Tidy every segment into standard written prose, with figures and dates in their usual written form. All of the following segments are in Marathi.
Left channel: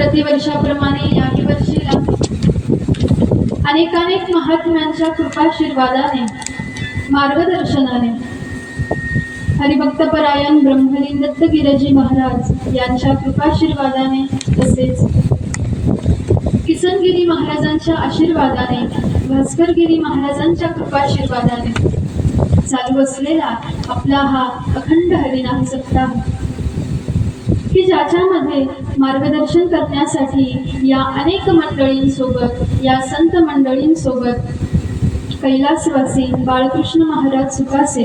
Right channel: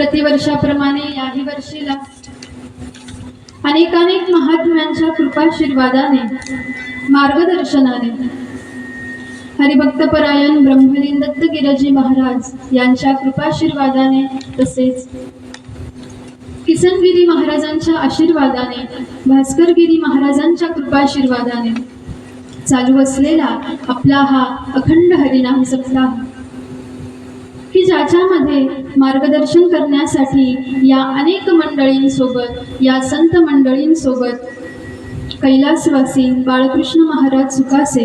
प्रतिवर्षाप्रमाणे याही वर्षीला अनेकानेक महात्म्यांच्या कृपाशीर्वादाने मार्गदर्शनाने हरिभक्तपरायण ब्रह्मलीन दत्तगिरजी महाराज यांच्या कृपाशीर्वादाने तसेच किसनगिरी महाराजांच्या आशीर्वादाने भास्करगिरी महाराजांच्या कृपाशीर्वादाने चालू असलेला आपला हा अखंड हरिनाम सप्ताह की ज्याच्यामध्ये मार्गदर्शन करण्यासाठी या अनेक मंडळींसोबत या संत मंडळींसोबत कैलासवासी बाळकृष्ण महाराज सुकासे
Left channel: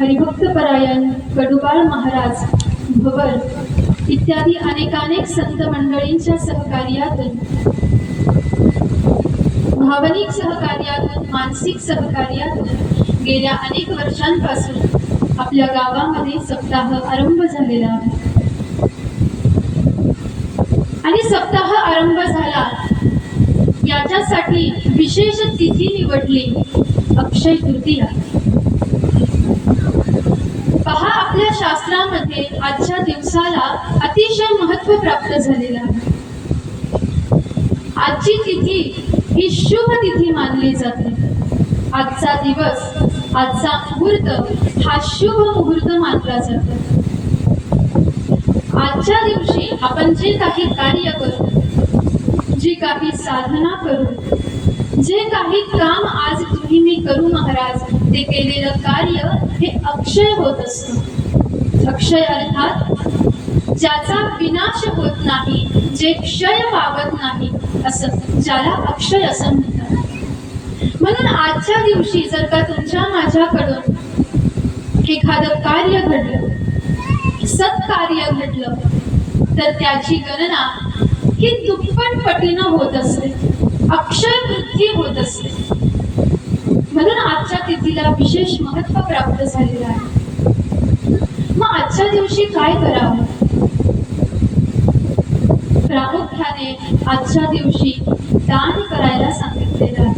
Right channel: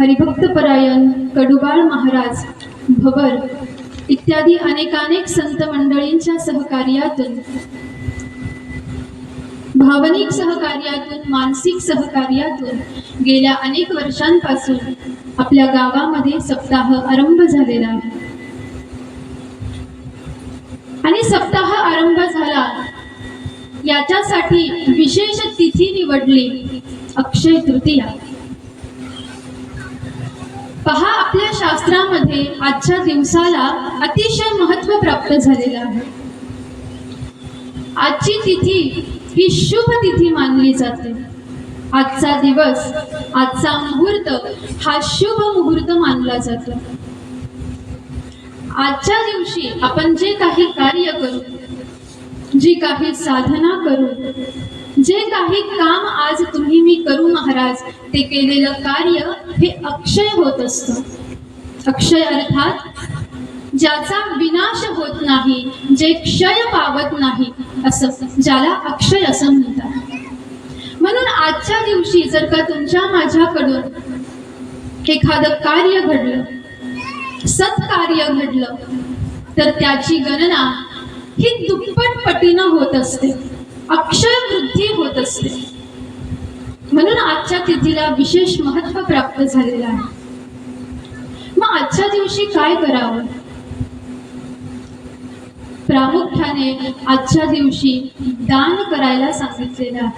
हरिभक्तपरायण कडुबाळ महाराज भवर इत्यादी अनेकानेक संत मंडळींच्या सहकार्यातून भावनिक सहकार्यातून मानसिक सहकार्यातून गेल्या अनेक वर्षांपासून आपल्या गावामध्ये सप्ताह आरंभ झालेला आहे आणि सप्ताह आरंभ झाला याच्यासाठी विशेष तिथी निवडली अक्षय तृतीया। पहा, आपल्या शास्त्रामध्ये आजच्या दिवसाला अतिशय महत्त्व प्राप्त झालेलं आहे। आजची तिथी ही शुभ तिथी मानली जाते। आजचा दिवस, आजचा मुहूर्त हा शुभ मुहूर्त मानला जातो। आजच्या दिवशी आपण जे काही कार्य करू, जी काही साधना करू, जे काही काम आज तुम्ही मी करू महाराज, ते केलेलं कार्य हे अक्षय होत असतं। अक्षय अर्थात ज्याचा विनाश होत नाही, जे क्षय पावत नाही, असं ज्याला अक्षय असं म्हणतात। म्हणून आजच्या दिवशी जर का तुमच्या माझ्याकडून एखादं कार्य घडलं, सत्कार्य घडलं, तर त्याची गणना ही दुप्पट पटीनं होत असते, अक्षय वृद्धी होत असते। म्हणून आजच्या तिथीला विशेष महत्त्व प्राप्त झालेलं आहे। मग आजच्या दिवशी काय करावं? प्रामुख्याने आजच्या दिवशी दान करायला सांगितलेलं आहे।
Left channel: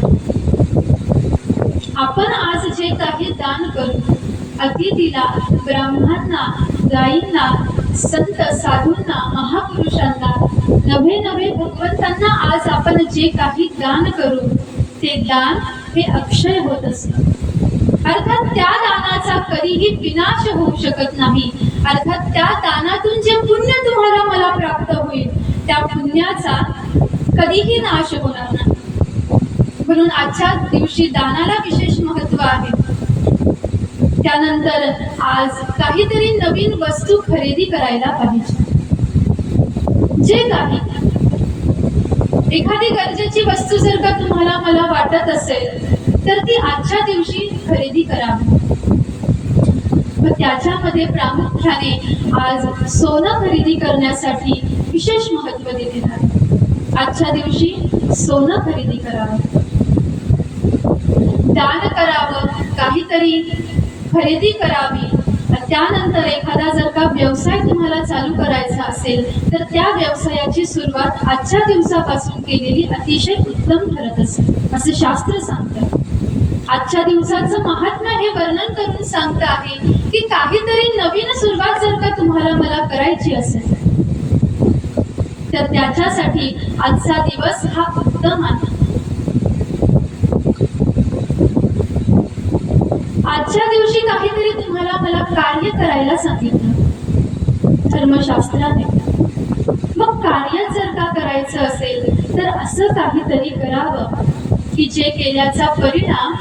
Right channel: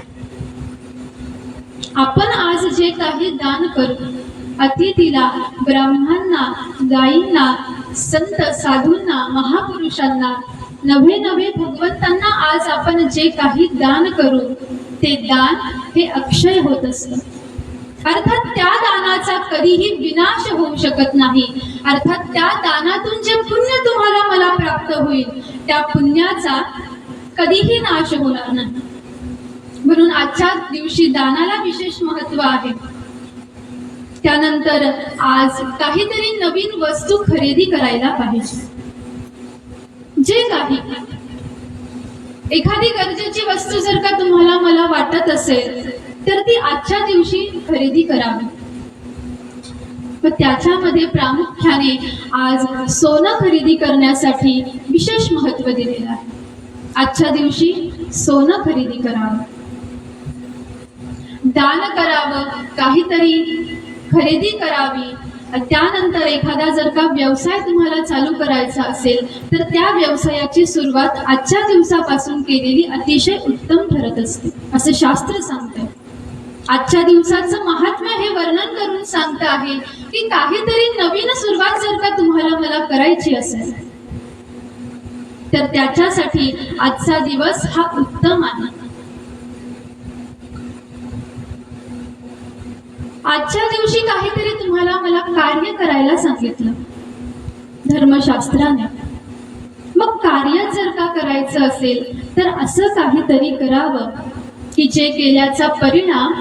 आपण आज जे काही दान करू, अतिथीला, ब्राह्मणांना, गायींना, संत साधूंना, महापुरुषांना, नवे नवे भगवंतांना आज आपण जे काही दान करू, ते दान हे अक्षय होत असतं। अर्थात त्या दानाचा कधीही विनाश होऊ शकत नाही। अर्थात त्या दानातून जे पुण्य तुम्हाला मला प्राप्त होईल, त्या पुण्याचा कधीही नाश होणार नाही। म्हणून आजच्या दिवशी दानाला विशेष महत्त्व आहे। त्यानंतर आज काहीतरी नवीन वस्तू खरेदी करायला पाहिजे। जे काही एखादी गरजेची वस्तू जर का तुम्हाला मला वाटत असेल, तर ती आजच्या दिवशी खरेदी करावी। व त्याच्यामध्ये प्रामुख्याने आज सोनं खरेदी करण्यासाठी विशेष महत्त्व दिलेलं आहे। आजच्या दिवशी सोनं खरेदी करावं, दान करावं, काहीतरी खरेदी करावी। त्यानंतर एखादा जर का व्यवसाय तुम्हाला चालू करायचा असेल, तर त्या व्यवसायाची सुरुवात आजच्या दिवसापासून केलेली अतिशय उत्तम ठरत असते, असं शास्त्र सांगतं। आजच्या दिवसाचं महात्म्य हे वर्णन करून सांगतं आहे की काहीतरी नवीन सुरुवात जर का तुम्हाला मला करायची असेल, तर त्याच्यासाठी आजचा दिवस हा उत्तम आहे। आजच्या दिवशी काहीतरी तुम्हाला मला कार्य करायला सांगितलं धर्मशास्त्राने। मग कार्य जर का करायचं असेल, तर असं काहीतरी करावं की जे केल्याचा परिणाम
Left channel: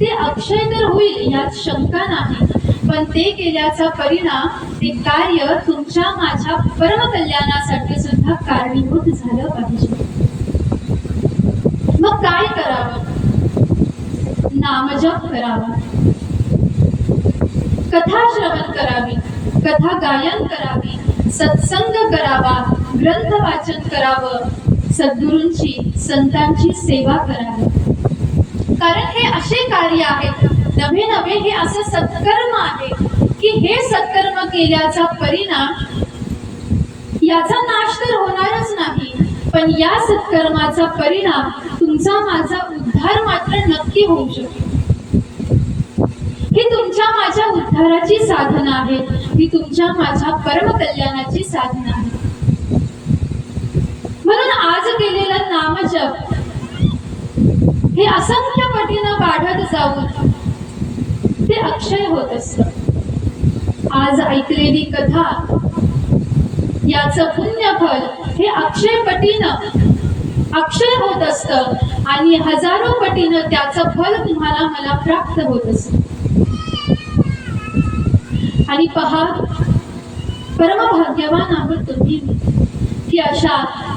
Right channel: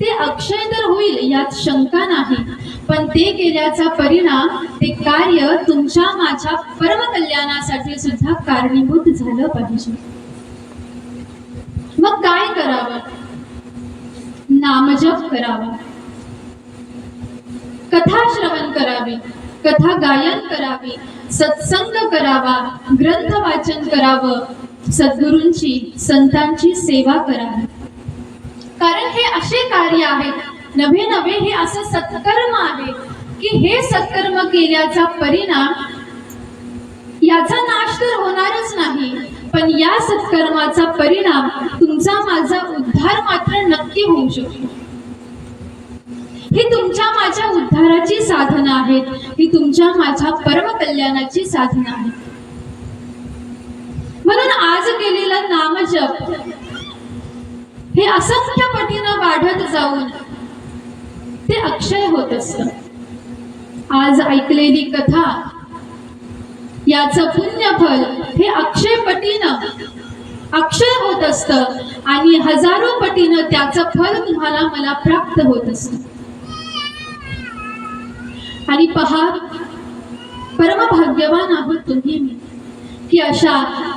ते अक्षय तर होईल, यात शंका नाही, पण ते केल्याचा परिणाम, ते कार्य तुमच्या माझ्या परमकल्याणासाठी सुद्धा कारणीभूत झालं पाहिजे। मग काय करावं? नामजप करावा, कथा श्रवण करावी, कथा गायन करावी, सत्संग करावा, ग्रंथ वाचन करावं, सद्गुरूंची, संतांची सेवा करावी। कारण हे असे कार्य आहेत, नवे नवे हे असं सत्कर्म आहे की हे सत्कर्म केल्याचा परिणाम, याचा नाश तर होणारच नाही, पण या सत्कर्माचा परिणाम तुमचा माझा उद्धार मात्र नक्की होऊ शकतो। ही तुमच्या माझ्या उद्धाराची साधना आहेत, ही तुमच्या माझ्या परमकल्याणाची साधना आहे। नामजप हे असंख्य पटीनं वाढत जाऊन ते अक्षय होत असत। आज ऐकलेली कथा याचं पुण्यफल हे अक्षय पटीनं अक्षय होत असतं आणि हजारो पटीनं त्याचं फल तुम्हाला मला प्राप्त होत असतं। आणि पहा, परमभाग्यवान आहोत तुम्ही की अशा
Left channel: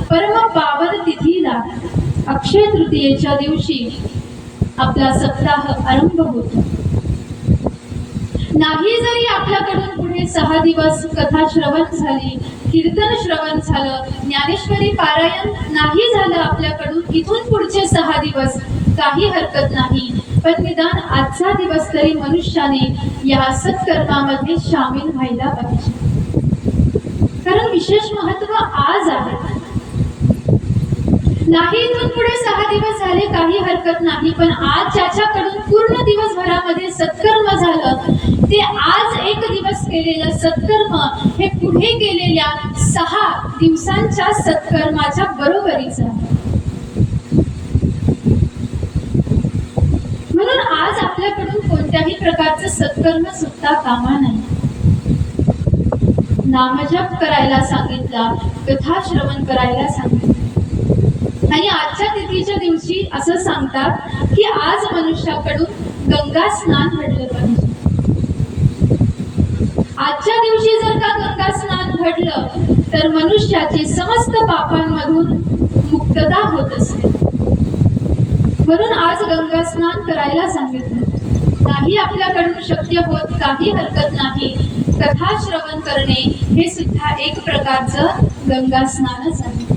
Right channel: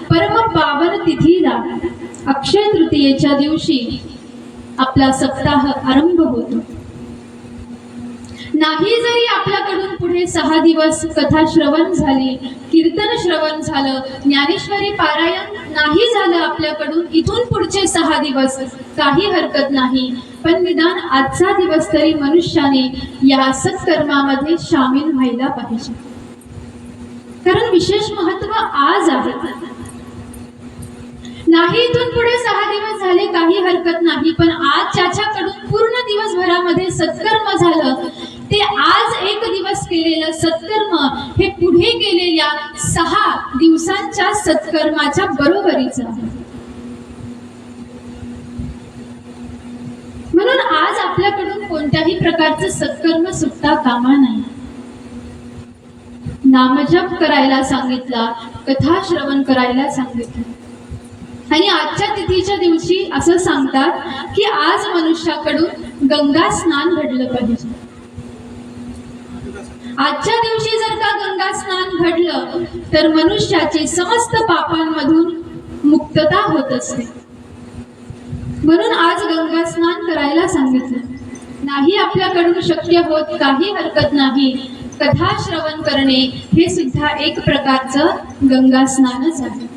परम पावन तिथीला अक्षय तृतीयेच्या दिवशी आपला सप्ताह आरंभ होतो। नाही जरी आपल्याकडून पुढे 6 दिवस कथा श्रवण झाली, कीर्तन श्रवण झालं, ज्ञानेश्वरी पारायण नाही झालं आपल्याकडून इथून पुढचे 6 दिवस काही हरकत नाही, पण निदान आजचा दिवस तरी मनुष्याने या सत्कर्मामध्ये सामील व्हायला पाहिजे, कारण विशेष महत्व आज आहे। नाही इथून पुढे 6 दिवस झाले काही हरकत नाही, पण आज ज्याच्याकडून पूर्ण दिवसभरामध्ये सत्कर्म झालं ते आज एक दिवस केलेलं सत्कर्म हे पुढे केलेल्या 6 दिवसांच्या सत्कर्माच्या बरोबरीचं आहे। म्हणून आज आपल्याकडून कोणत्याही प्रकारचं सत्कर्म सुटता कामा नाही। नामजप करायला सांगितला, कथा श्रवण करायला सांगितलं, आणि आजच्या तिथीच्या दिवशी असं सांगतात की आज मनुष्याकडून गंगा स्नान घडलं पाहिजे। आजच्या दिवशी जर का गंगा स्नान घडलं तर मनुष्याची समस्त पापांमधून मुक्तता होत असते। म्हणून आज गंगा स्नान करायला सांगितलं। नाही आपल्याकडून शक्य होत काही हरकत नाही, कथा श्रवण करणे हे सुद्धा एक प्रकारचं गंगा स्नानच आहे।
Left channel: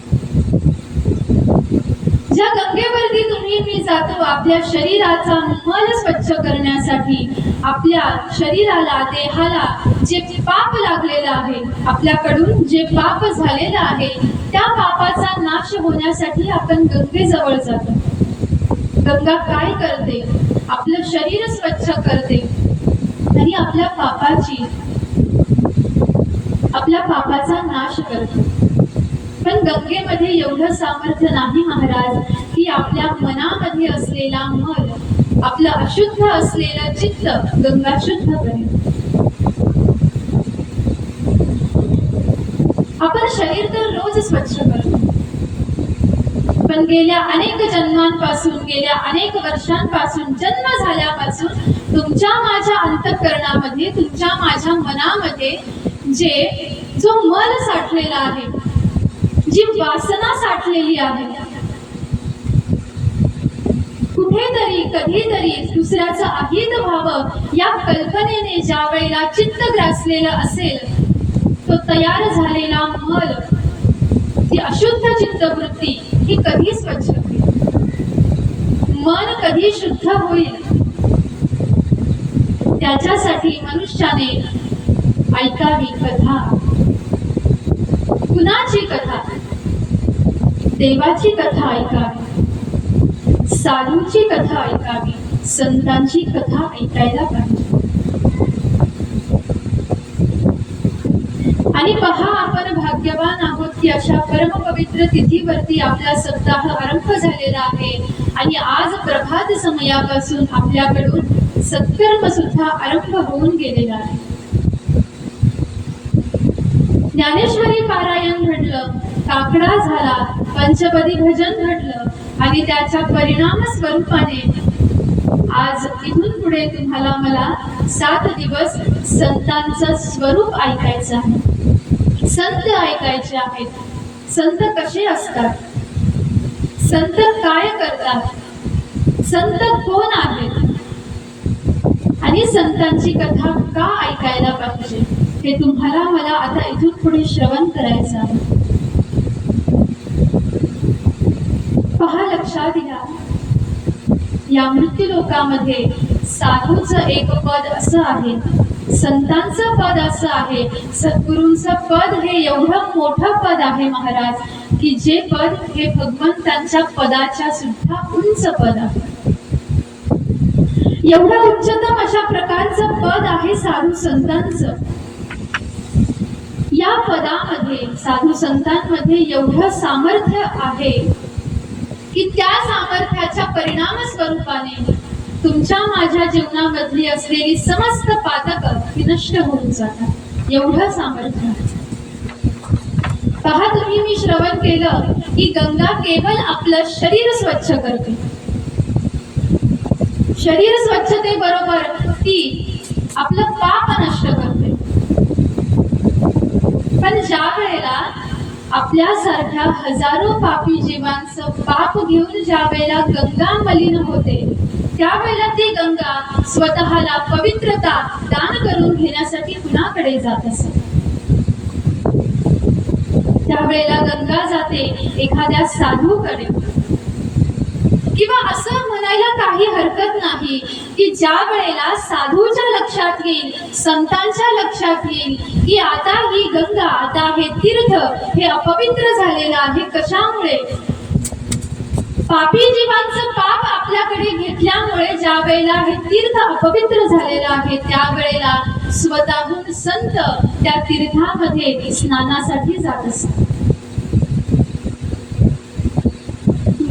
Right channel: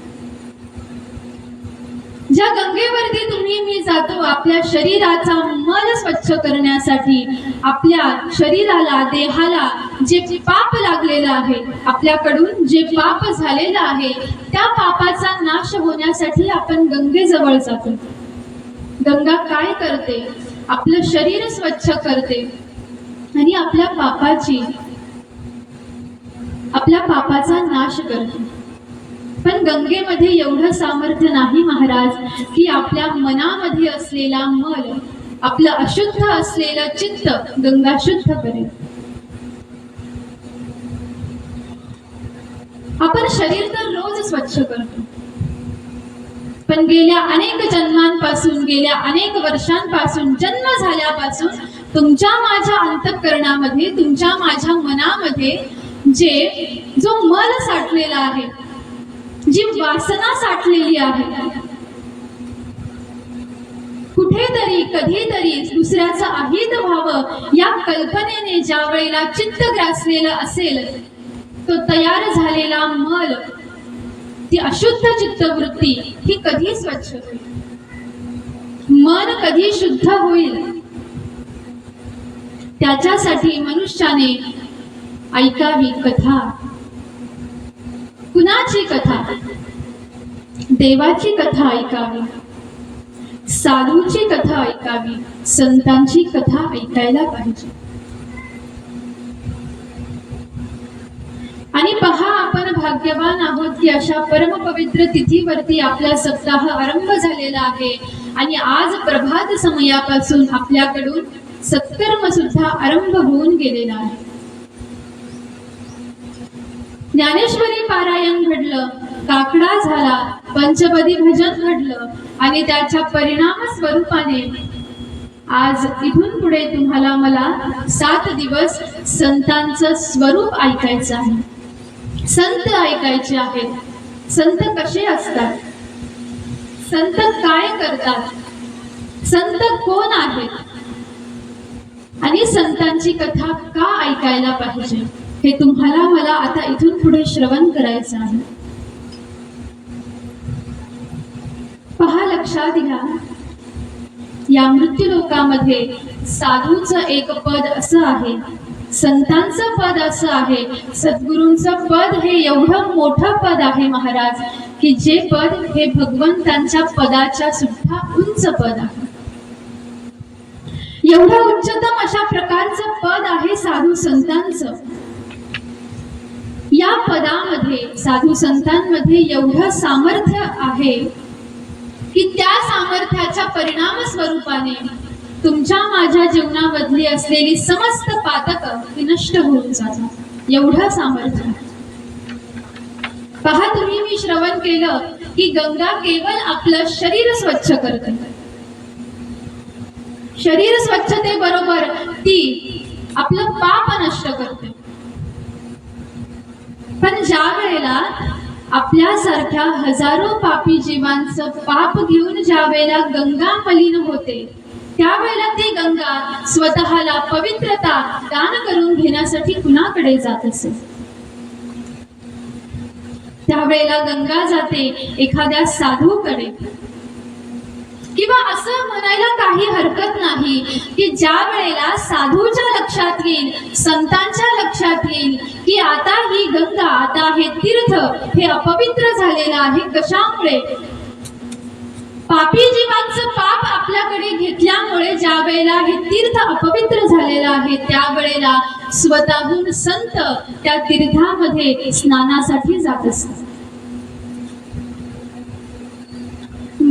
ज्या गंगेवरती तुम्ही मी जातो आपल्या शरीराचा मल स्वच्छ करण्यासाठी, आपल्या शरीराला देहाला जे पाप लागलेलं आहे, आपल्याकडून जे पाप झालेलं आहे त्या पापाचा नाश होण्यासाठी आपण गंगेजवळ जातो। गंगा काय करते? आपलं शरीर स्वच्छ करते आणि आपल्या पापाचा नाश करते। पण गंगेमध्ये एवढं सामर्थ्य नाही महाराज की आपल्या मनामध्ये असलेला मल, आपलं अशुद्ध असलेलं चित्त गंगा शुद्ध करेल। आपण शरीर तर रोज स्वच्छ करतो, पण गेल्या अनेक जन्मांपासून, गेल्या अनेक वर्षांपासून, जन्म झाल्यापासून तुमच्या माझ्या अंतःकरणामध्ये, तुमच्या माझ्या मनामध्ये जो मल साठलेला आहे, जी वासना साठलेली आहे, कुठेतरी कधीतरी दुसऱ्याचं अहित व्हावं या कल्पनेने ज्या वेळेला चित्त ग्रासलेलं असेल, तो तयार झालेला मल, ती अशुद्ध चित्तवृत्ती ही कधी स्वच्छ होईल? मन कधी शुद्ध होईल? त्याच्यासाठी मनुष्याने ऐकावी कथा। कुणाची कथा? देवाची कथा ऐकावी, साधूची कथा ऐकावी, संतांची कथा ऐकायला पाहिजे। आणि पहा, आपण भाग्यवान आहोत की अशा परमपवित्र तिथीवरती आपला सप्ताह आरंभ झालेला आहे आणि आज प्रभात समयापासून आपल्याकडून सत्कर्म सुद्धा आरंभ होऊन गेलेला आहे। ज्ञानेश्वरी पारायण घडलं, काकडा झाला, पंचपदी भजन घडलं आणि त्याच्या परिणाम स्वरूपाने आज इथून पुढे तुम्हाला मला 7 दिवस संतांचं स्वरूप ऐकायचं आहे, संत ऐकायचे आहेत। संत कसे असतात? संत काय करतात? संत कोण आहेत? आणि संतांची कथा का ऐकायला पाहिजे हे तुम्हाला मला आता इथून पुढे श्रवण करायचं आहे। पहा, लक्षात घ्या, या मृत्यूलोकामध्ये साधूचं एक पद असं आहे, संतांचं पद असं आहे, सद्गुरूंचं पद हे एवढं मोठं पद आहे महाराज की जे पद हे भगवंतांच्या पदाच्या सुद्धा उंच पद आहे। एवढं उच्चतम अशा प्रकारचं पद आहे साधू संतांचं। या पदामध्ये, साधू संतांमध्ये एवढं सामर्थ्य आहे की त्या सामर्थ्याच्या परिणाम स्वरूपाने तुमच्या माझ्या जीवनामधली असलेली समस्त पातकं ती नष्ट होऊन जातात. एवढं सामर्थ्य. पहा, तुम्ही मी श्रवण केलं की गंगा केवळ आपलं शरीर स्वच्छ करते. शरीर स्वच्छतेबरोबर ती आपलं पाप नष्ट करते. पण ज्या वेळेला आपल्यासारख्या हजारो पापी जीवांचं पाप घेऊन ज्या वेळेला गंगा मलिन होते, त्यावेळेला ती गंगा स्वतःला पवित्रता दान करून घेण्यासाठी कुणाकडे जात असे? त्यावेळेला गंगा जाते एखाद्या साधूकडे. किंवा असं म्हणायला काही हरकत नाही की ज्या वेळेला साधूच्या लक्षात येईल, संतांच्या लक्षात येईल की आता ही गंगा, आता हे तीर्थ हे अपवित्र झालेलं आहे. कशामुळे? पापी जीवांचं पाप आपल्याकडे घेतल्यामुळे ज्या वेळेला हे तीर्थ अपवित्र झालेलं आहे, त्यावेळेला स्वतःहून संत त्या तीर्थामध्ये स्नानासाठी जात असतात.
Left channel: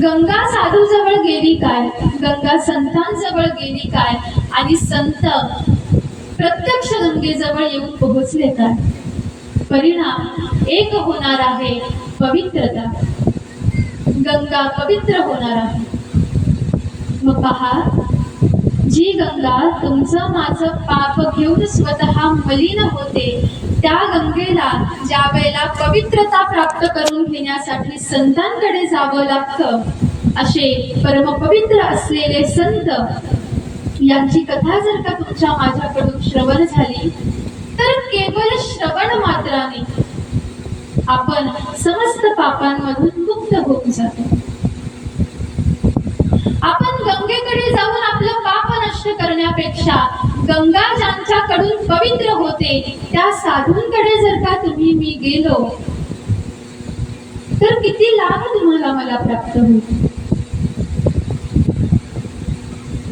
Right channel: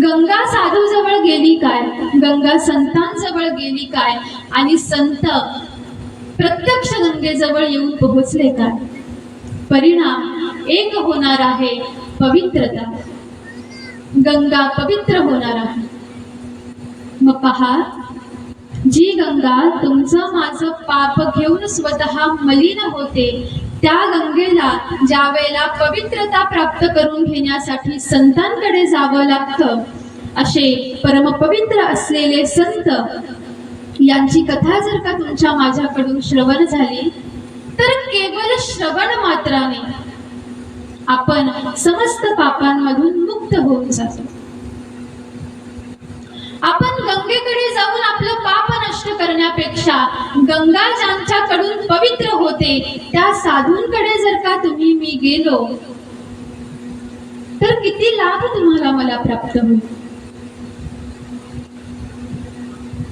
गंगा साधू जवळ गेली काय? गंगा संतांजवळ गेली काय? आणि संत प्रत्यक्ष गंगेजवळ येऊन पोहोचले काय? परिणाम एक होणार आहे, पवित्रता. गंगा पवित्र होणार आहे. मग पहा, जी गंगा तुमचं माझं पाप घेऊन स्वतः मलिन होते, त्या गंगेला ज्या वेळेला पवित्रता प्राप्त करून घेण्यासाठी संतांकडे जावं लागतं, असे परमपवित्र असलेले संत यांची कथा जर का तुमच्या माझ्याकडून श्रवण झाली, तर केवळ श्रवण मात्राने आपण समस्त पापांमधून मुक्त होऊन जातो. आपण गंगेकडे जाऊन आपलं पाप नष्ट करण्यापेक्षा गंगा ज्यांच्याकडून पवित्र होते त्या साधूंकडे जर का तुम्ही मी गेलो, तर किती लाभ तुम्हाला मला प्राप्त होईल.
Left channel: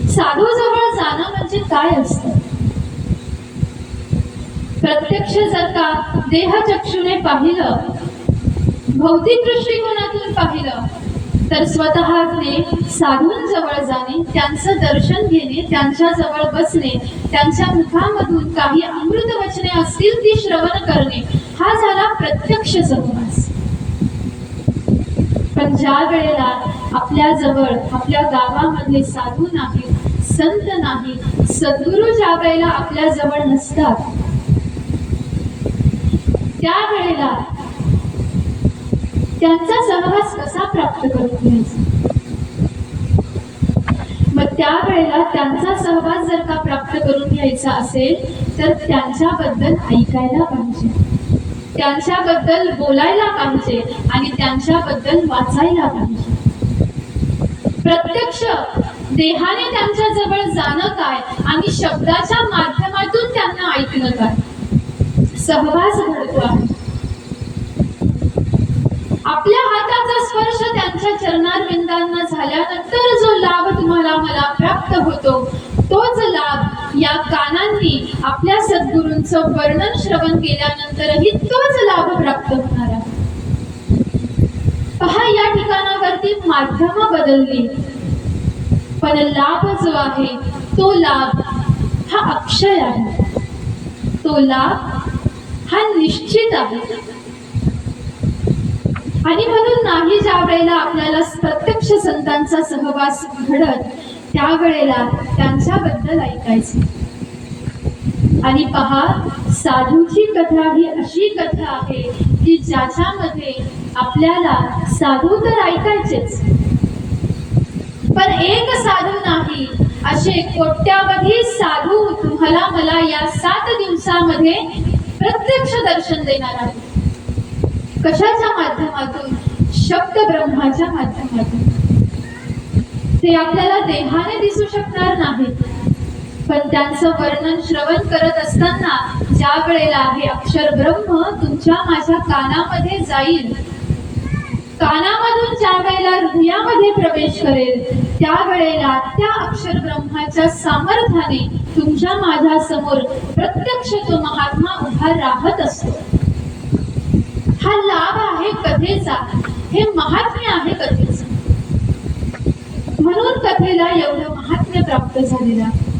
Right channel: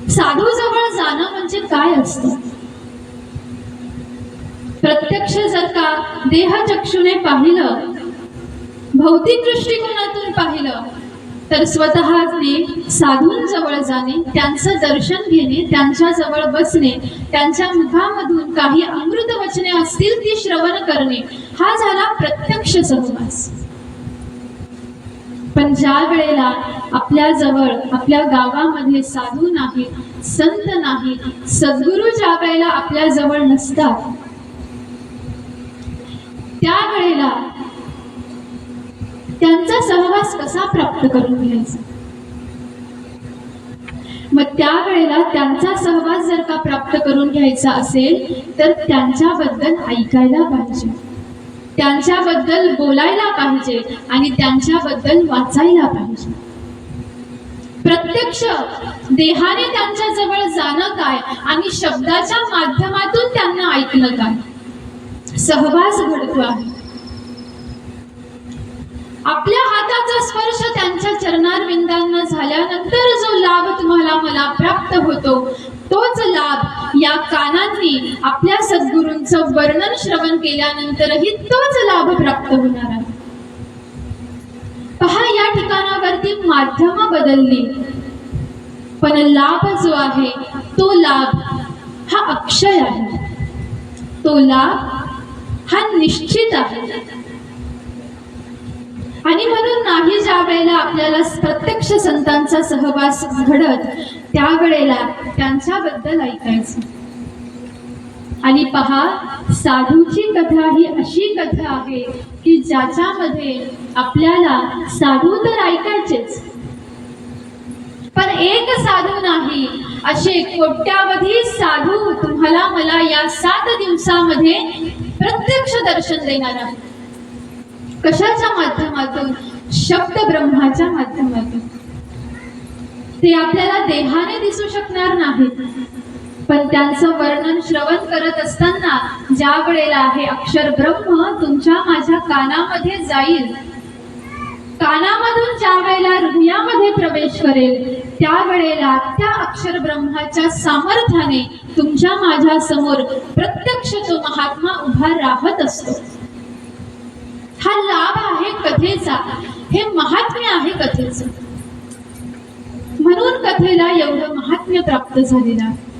साधू जवळ जाणं म्हणजे काय असतं? प्रत्यक्ष जर का देहचक्षुने पाहिलं, भौतिक दृष्टिकोनातून पाहिलं, तर स्वतःने साधूंजवळ जाणे, त्यांचं दर्शन घेणे, त्यांच्या जवळ बसणे, त्यांच्या मुखामधून काही अमृत वचने असतील ती श्रवण करणे, हा झाला प्रत्यक्ष सहवास. पण ज्या वेळेला आपल्या जवळ, आपल्या गावामध्ये साधू नाही, संत नाही, सद्गुरू ज्या वेळेला आपल्या जवळ नसतात, त्यावेळेला त्यांचा सहवास कसा प्राप्त करून घ्यायचा? मग त्यावेळेला त्यांचा सहवास जर का प्राप्त करून घ्यायचा असेल, तर त्यांच्याबद्दल ऐकायला पाहिजे, त्यांच्याबद्दल बोलायला पाहिजे आणि त्यांच्याबद्दल वाचायला पाहिजे. प्रत्यक्ष देहाने त्यांच्या जवळ जाणं काय आणि शब्दाच्या माध्यमातून त्यांना ऐकणं काय? सहवास घडतो आहे. आपल्या हाताचा स्पर्श त्यांच्या चरणारविंदांना झाल्यानंतर जो लाभ तुम्हाला मला प्राप्त होतो, तोच लाभ या कानांनी आपल्या सद्गुरूंचं वर्णन श्रवण केल्यानंतरही तोच लाभ प्राप्त होणार आहे. पहा, या ठिकाणावरती माध्यम बदलली, पण लाभ जो आहे तो लाभ हा अक्षय आहे, तो लाभ हा निश्चित आहे. आणि म्हणून नाही ज्या वेळेला आपल्याला प्रत्यक्ष संतांचा सहवास घडत, त्यावेळेला त्यांच्याबद्दल ऐकायचं. आणि पहा, साधूची कथा ही अशी कथा आहे की ज्याच्यामध्ये आपल्याला साधू तर ऐकायचेच, पण एक साधू नाही, असे कोट्यावधी साधू तुम्हाला मला या 7 दिवसामध्ये प्रत्यक्ष दर्शन देणार आहे. कशाच्या माध्यमातून? शब्द ब्रह्माच्या माध्यमातून. ते आपल्याला देहाने दिसू शकणार नाहीत, पण त्यांचं वर्णन श्रवण करत असताना ज्या वेळेला हे अक्षर ब्रह्म तुमच्या माझ्या कानामध्ये जाईल, कानामधून ज्या वेळेला हृदयामध्ये प्रवेश करेल, त्यावेळेला त्या अक्षर ब्रह्माच्या सामर्थ्याने तुमच्या माझ्या समोर प्रत्यक्ष तो महात्मा उभा राहत असतो. हा लाभ आहे कथेचा, हे महात्म्य आहे कथेचं. म्हणून कथेला एवढं महात्म्य प्राप्त झालेलं आहे.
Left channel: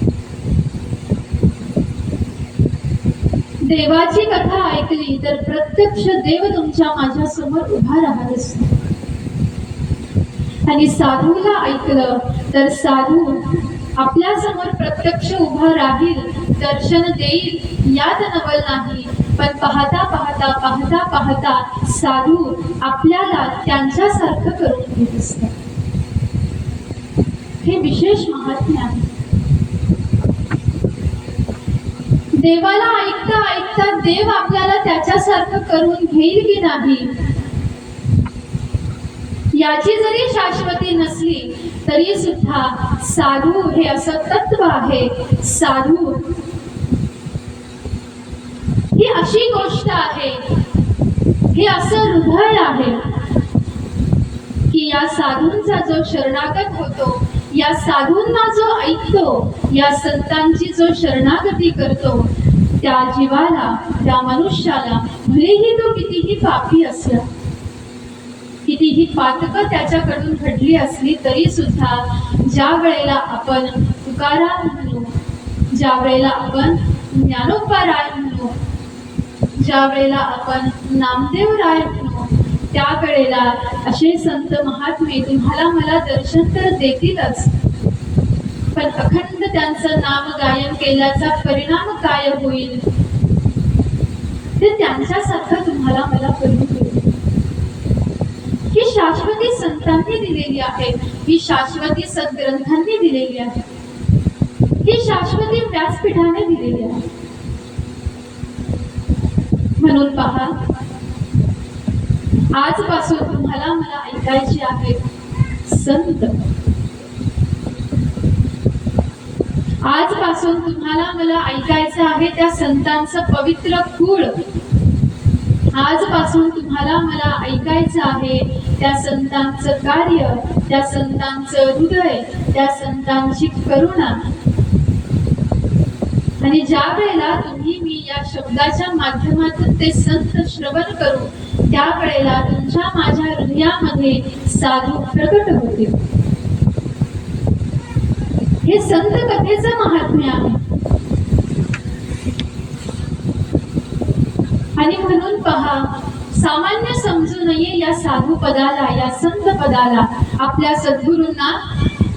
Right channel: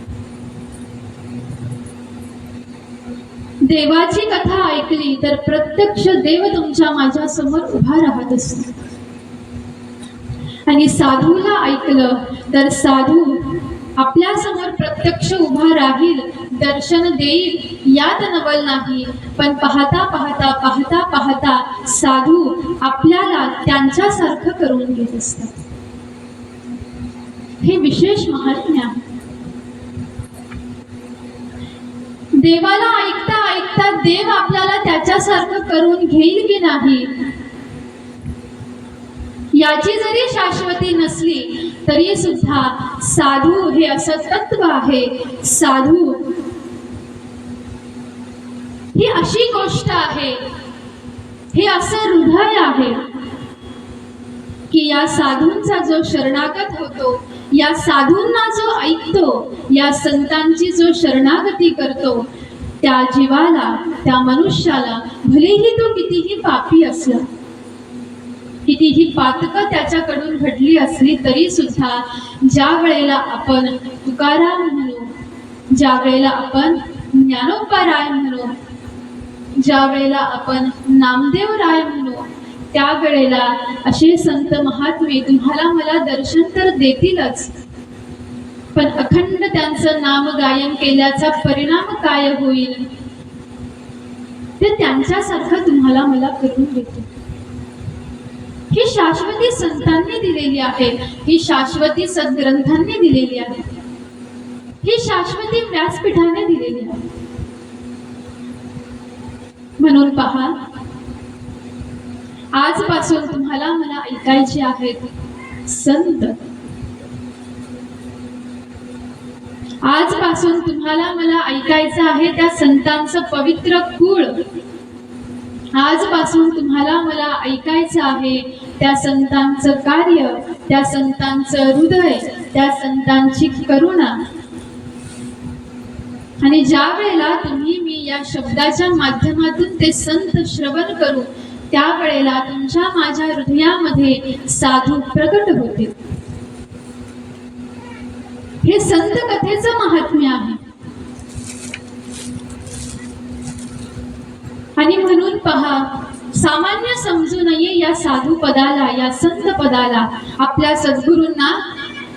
देवाची कथा ऐकली तर प्रत्यक्ष देव तुमच्या माझ्या समोर उभा राहत असतो. आणि साधूला ऐकलं तर साधू आपल्या समोर प्रत्यक्ष उभा राहील, दर्शन देईल यात नवल नाही. पण पाहता पाहता पाहता पाहता साधू आपल्याला त्यांच्यासारखं करून घेत असतात. हे विशेष महात्म्य आहे. देवाला ऐकता ऐकता देव आपल्याला त्याच्यासारखं करून घेईल की नाही याची जरी शाश्वती नसली तरी सुद्धा साधू हे असं तत्व आहे. साधू ही अशी गोष्ट आहे, हे असं हृदय आहे की या साधूंचा जो शरणागत होतो, या साधूंना जो ऐकतो, या संतांची जो शरणागती करतो, त्या जीवाला, त्या मनुष्याला भलेही तो कितीही पापी असला, कितीही पातकं त्याच्याकडून घडली असली तरी सुद्धा ज्या वेळेला आपण तुकाराम म्हणू, ज्या वेळेला आपण ज्ञानोबाराय म्हणू, ज्या वेळेला आपण नामदेव राय म्हणू, त्यावेळेला असे संत महात्मे तुम्हाला मला दर्शन तर देतीलच, पण अखंड त्यांचं नाम गायन केल्याचा परिणाम काय होईल ते त्यांच्यासारखं तुम्हाला मला करून देईल. ही शाश्वती संतांनी दिलेली आहे, ही शाश्वती सद्ग्रंथांनी दिलेली आहे, ही शाश्वती व्यासपीठाने दिलेली आहे. म्हणून पहा, आजपासून तुम्हाला मला ऐकायचे आहेत संत. आजपासून तुम्हाला मला ऐकायचं आहे त्या संतांचं पवित्र कुळ. आजपासून तुम्हाला मला ऐकायचं आहे त्या संतांचं कार्य, त्या संतांचं हृदय, त्या संतांची करुणा. आणि ज्या वेळेला तुम्ही मी या शब्दाच्या माध्यमातून ते संत श्रवण करू, त्यावेळेला तुमच्या माझ्या हृदयामध्ये साधू प्रकट होते. हे संत कथेचं महात्म्य आहे. आणि म्हणून पहा, सामान्य समजू नये या साधू पदाला, या संत पदाला. आपल्या सद्गुरूंना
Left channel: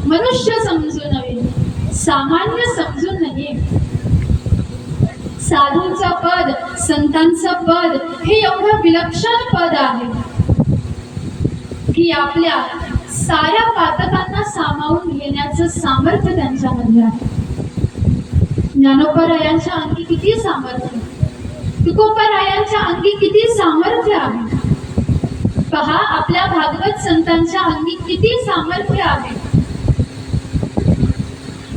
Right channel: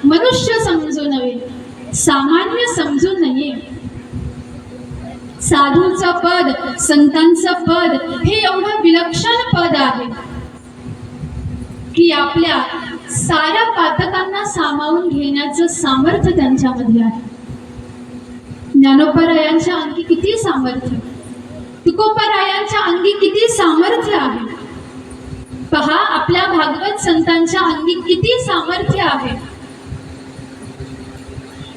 मनुष्य समजू नये, सामान्य समजू नये. साधूंचं पद, संतांचं पद हे एवढं विलक्षण पद आहे की आपल्या साऱ्या पातकांना सामावून घेण्याचं सामर्थ्य त्यांच्यामध्ये आहे. ज्ञानोबारायांच्या अंगी किती सामर्थ्य, तुकोबारायांच्या अंगी किती सामर्थ्य आहे. पहा, आपल्या भागवत संतांच्या अंगी किती सामर्थ्य आहे.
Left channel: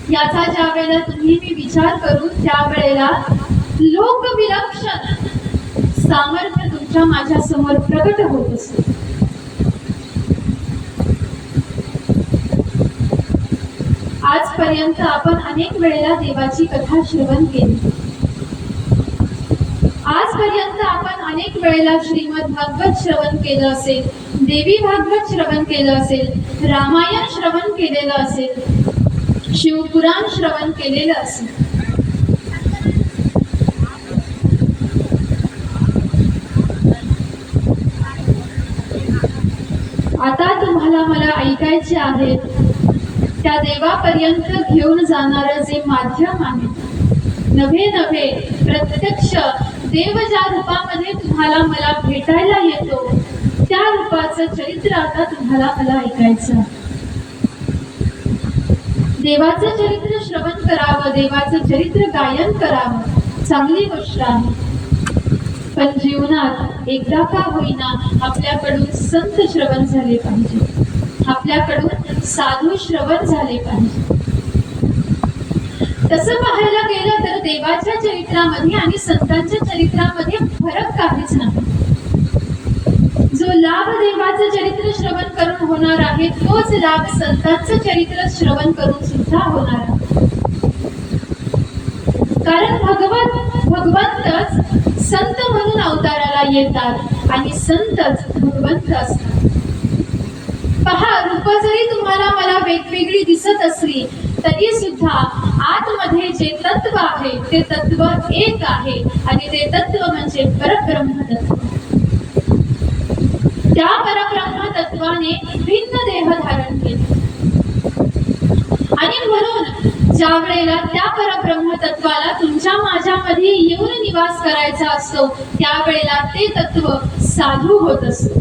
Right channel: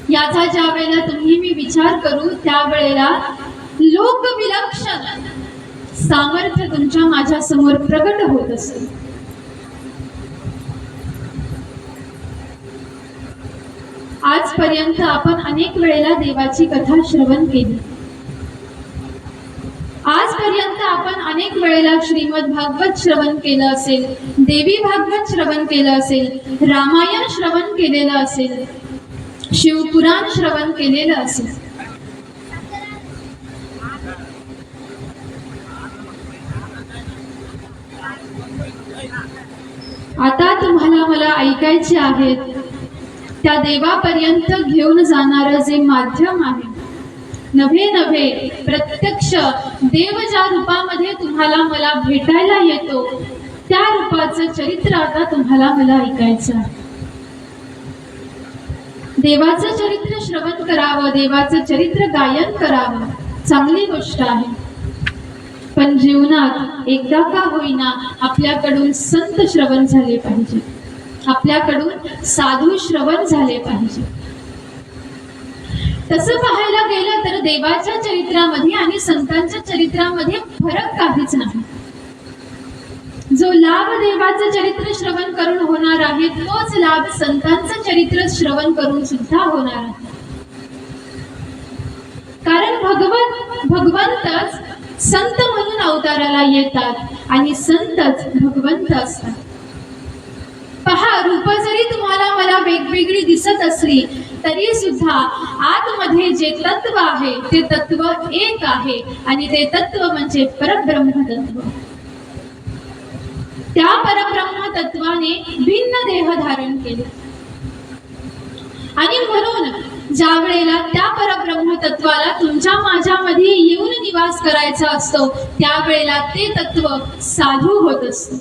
याचा ज्या वेळेला तुम्ही मी विचार करू, त्यावेळेला लोकविलक्षण सामर्थ्य तुमच्या माझ्या समोर प्रकट होत असते. आजपर्यंत आपण अनेक वेळेला देवाची कथा श्रवण केली. आजपर्यंत आपण अनेक वेळेला श्रीमद भागवत श्रवण केलं असेल, देवी भागवत श्रवण केलं असेल, रामायण श्रवण केलेलं असेल, शिवपुराण श्रवण केलेलं असेल. आता तुम्हाला मला ऐकायचे आहेत त्या देवापर्यंत घेऊन जाणारं जे माध्यम आहे, नव्हे नव्हे प्रत्यक्ष देव ज्या रूपामध्ये तुम्हाला मला भेटायला येतो, त्या रूपाचं चरित्र आता तुम्हाला मला ऐकायचं आहे. देवाचं चरित्र श्रवण करावं, देवाचं चरित्र गायन करावं, चांगली गोष्ट आहे. पण जीवनात एकदा का होईना आपल्याकडून संत श्रवण झाले पाहिजे, आपल्याकडून साधू श्रवण झाले पाहिजे. तसं पाहायला गेलं तर देवाच्या चरित्रामध्ये आणि संतांच्या चरित्रामध्ये फरक काहीच नाही. जो लाभ देवाचं चरित्र श्रवण करून होणार आहे, तोच लाभ संतांचं चरित्र श्रवण करून सुद्धा होणार आहे. कारण भगवंतच संत म्हणून अवताराला येतात आणि संतच भगवंत असतात. पहा, रूप जरी तुम्हाला मला वेगवेगळी दिसत असली तरी सुद्धा आतमध्ये जे तत्व आहे ते तत्व एक आहे आणि ते तत्व म्हणजे परब्रह्म तत्व. त्या परब्रह्म तत्वाने भिन्न देह धारण केले आणि म्हणून ज्या वेळेला त्या परब्रह्म तत्वाला तुमच्या माझ्यामध्ये येऊन निवास करायचा असतो त्यावेळेला ते तत्व साधू होत असतं,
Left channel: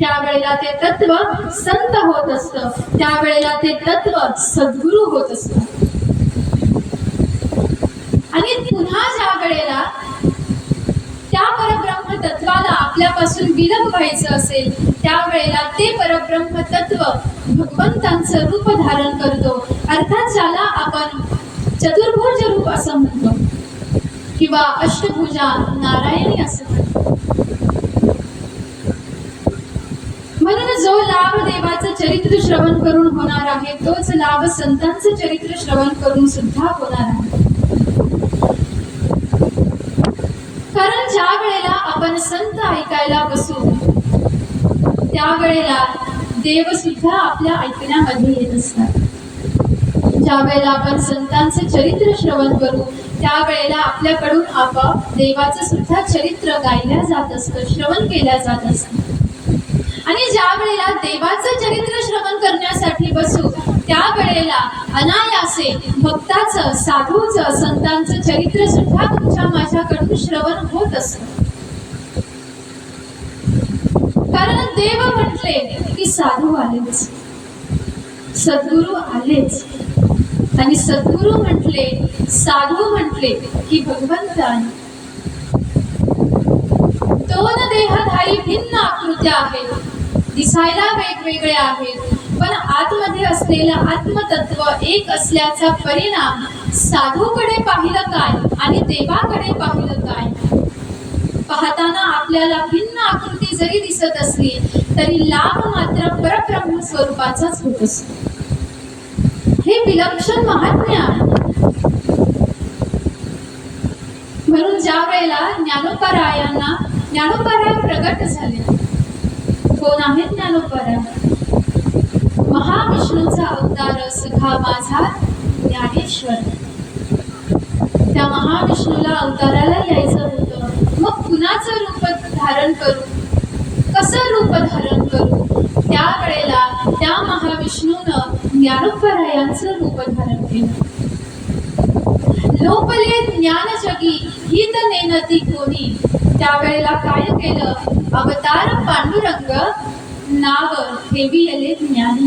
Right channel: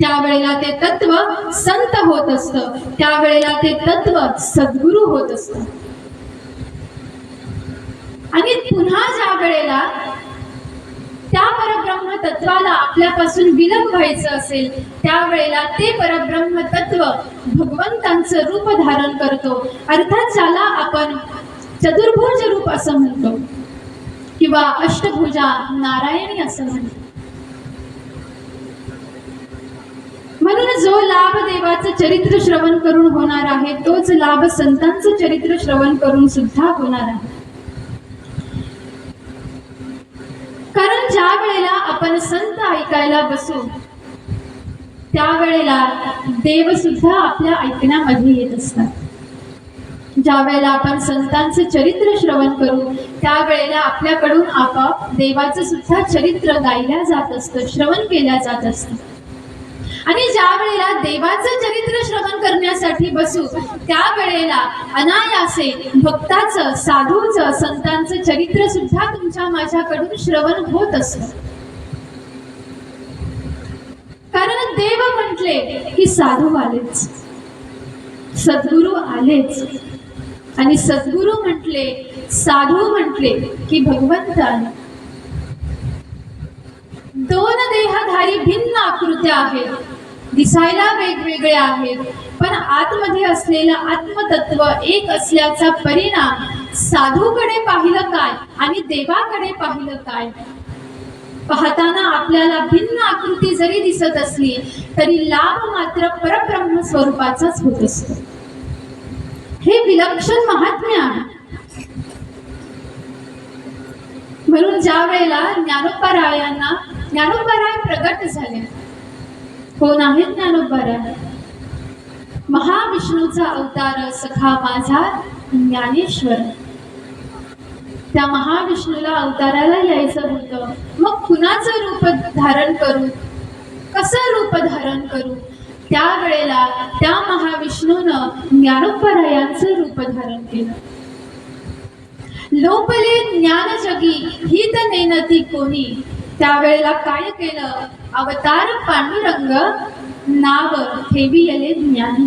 त्यावेळेला ते तत्व संत होत असतं, त्यावेळेला ते तत्व सद्गुरू होत असतं. आणि पुन्हा ज्या वेळेला त्या परब्रह्म तत्वाला आपल्यापासून विलग व्हायचं असेल त्यावेळेला ते परब्रह्म तत्व भगवंतांचं रूप धारण करतो, अर्थात ज्याला आपण चतुर्भुज रूप असं म्हणतो किंवा अष्टभुजा नारायणी असं म्हणतो. म्हणून जो लाभ देवाचं चरित्र श्रवण करून होणार आहे तोच लाभ संतांचं चरित्र श्रवण करून सुद्धा होणार आहे. कारण ज्या वेळेला आपण संत ऐकायला बसू त्यावेळेला देव सुद्धा आपल्या ऐकण्यामध्ये येत असतात. ज्या वेळेला आपण संतांचं चरित्र श्रवण करू त्यावेळेला आपल्याकडून आपोआप देवाचं सुद्धा चरित्र गायल्या जात असतं, श्रवण केल्या जात असतं. आणि ज्या वेळेला देवाचं चरित्र श्रवण करण्यासाठी बसू त्यावेळेला अनायासे भक्ताचं, साधूचं, संतांचं चरित्र सुद्धा तुमच्या माझ्याकडून श्रवण होत असतं. कारण देव म्हटले की साधू आलेच, सद्गुरू आलेच आणि सद्गुरू म्हटले, साधू म्हटले की भगवंत आले. दोन देहधारी भिन्न आकृत्या आहेत, दिसायला वेगवेगळे आहेत, पण आतमध्ये असलेलं आत्मतत्व एक असल्याचा परिणाम साधूकडे पाहिलं काय आणि देवाकडे पाहिलं काय पाहताना आपल्याला भिन्न आकृती जरी दिसत असली तरी लाभ मात्र परब्रह्म स्वरूपाचाच होत असतो. हे विलक्षण महात्म्य आहे. म्हणून ज्या वेळेला ज्ञानोबरायांना ज्ञानोबराय प्रगट झाले. कोण आहेत ज्ञानोबराय? महाविष्णूचा अवतार सखा माझा ज्ञानेश्वर. त्या महाविष्णूला अवताराला यायचं होतं, मग कुणाचं रूप धारण करू, कसं रूप धारण करू? त्यावेळेला त्या महाविष्णूनं ज्ञानोबरायांचं रूप धारण केलं. लोपले ज्ञान जगी हित नेनती कोणी. त्यावेळेला काय केलं? अवतार पांडुरंग नाव ठेविले ज्ञानी.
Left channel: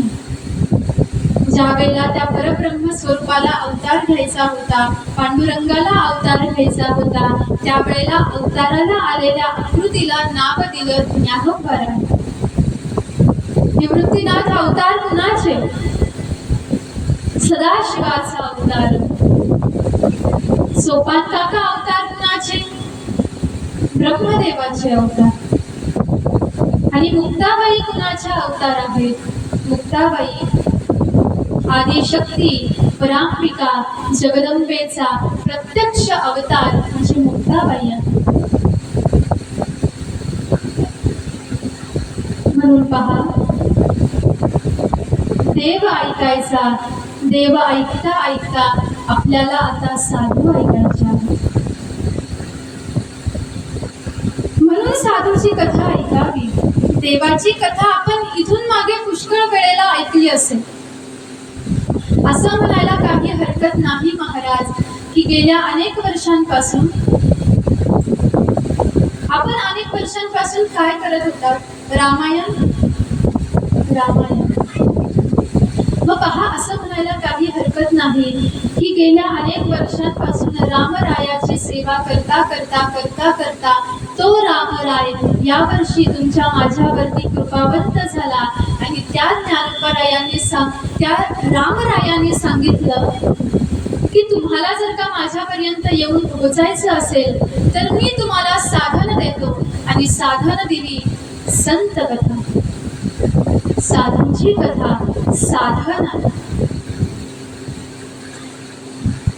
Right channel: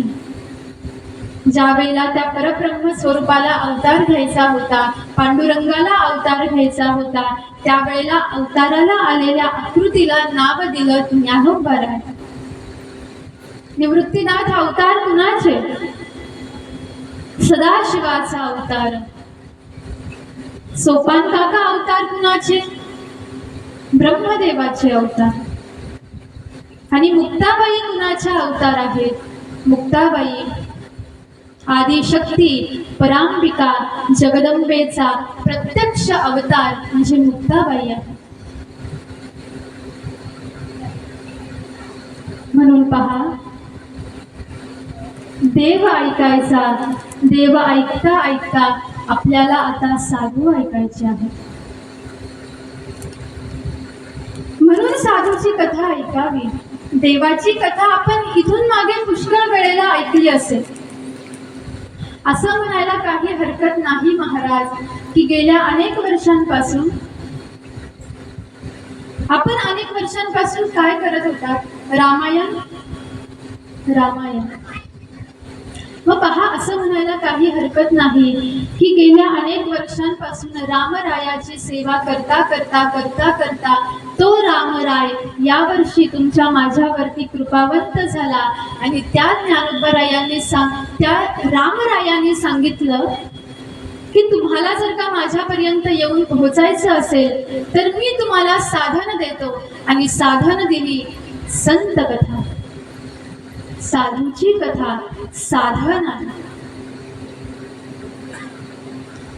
ज्या वेळेला त्या परब्रह्म स्वरूपाला अवतार घ्यायचा होता, पांडुरंगाला अवतार घ्यायचा होता, त्यावेळेला अवताराला आलेल्या आकृतीला नाव दिलं ज्ञानोबराय. निवृत्तीनाथ अवतार कुणाचे? सदाशिवाचा अवतार. सोपान काका अवतार कुणाचे? ब्रह्मदेवाचे अवतार. आणि मुक्ताबाई कुणाच्या अवतार आहेत? मुक्ताबाई आदिशक्ती, परांबिका, जगदंबेचा प्रत्यक्ष अवतार म्हणजे मुक्ताबाई आहे. म्हणून पहा, देव ऐकायचा, देव ऐकता ऐकता आपल्याला आता साधू ऐकायचे आहे. म्हणून साधूची कथा ऐकावी. देवाची कथा आपण इथून मागे पुष्कळ वेळेला ऐकली असेल. असं म्हणायला काही हरकत नाही महाराज की गेल्या अनेक वर्षांपासून काय करत होतात? रामायण. मग पहा, असं म्हणायला काही हरकत नाही की गेल्या अनेक वर्षांपासून रामरायाची सेवा करता करता करता करता तो रामराय यावर्षी तुमच्या माझ्यावरती कृपावंत झाला आणि त्या रामरायाने सांगितलं की तुम्हाला जर का माझ्यापर्यंत येऊन पोहोचायचं असेल तर मी तुम्हाला साधन देतो. आणि साधन दिली संत कथा. साधूची कथा साधन आहे.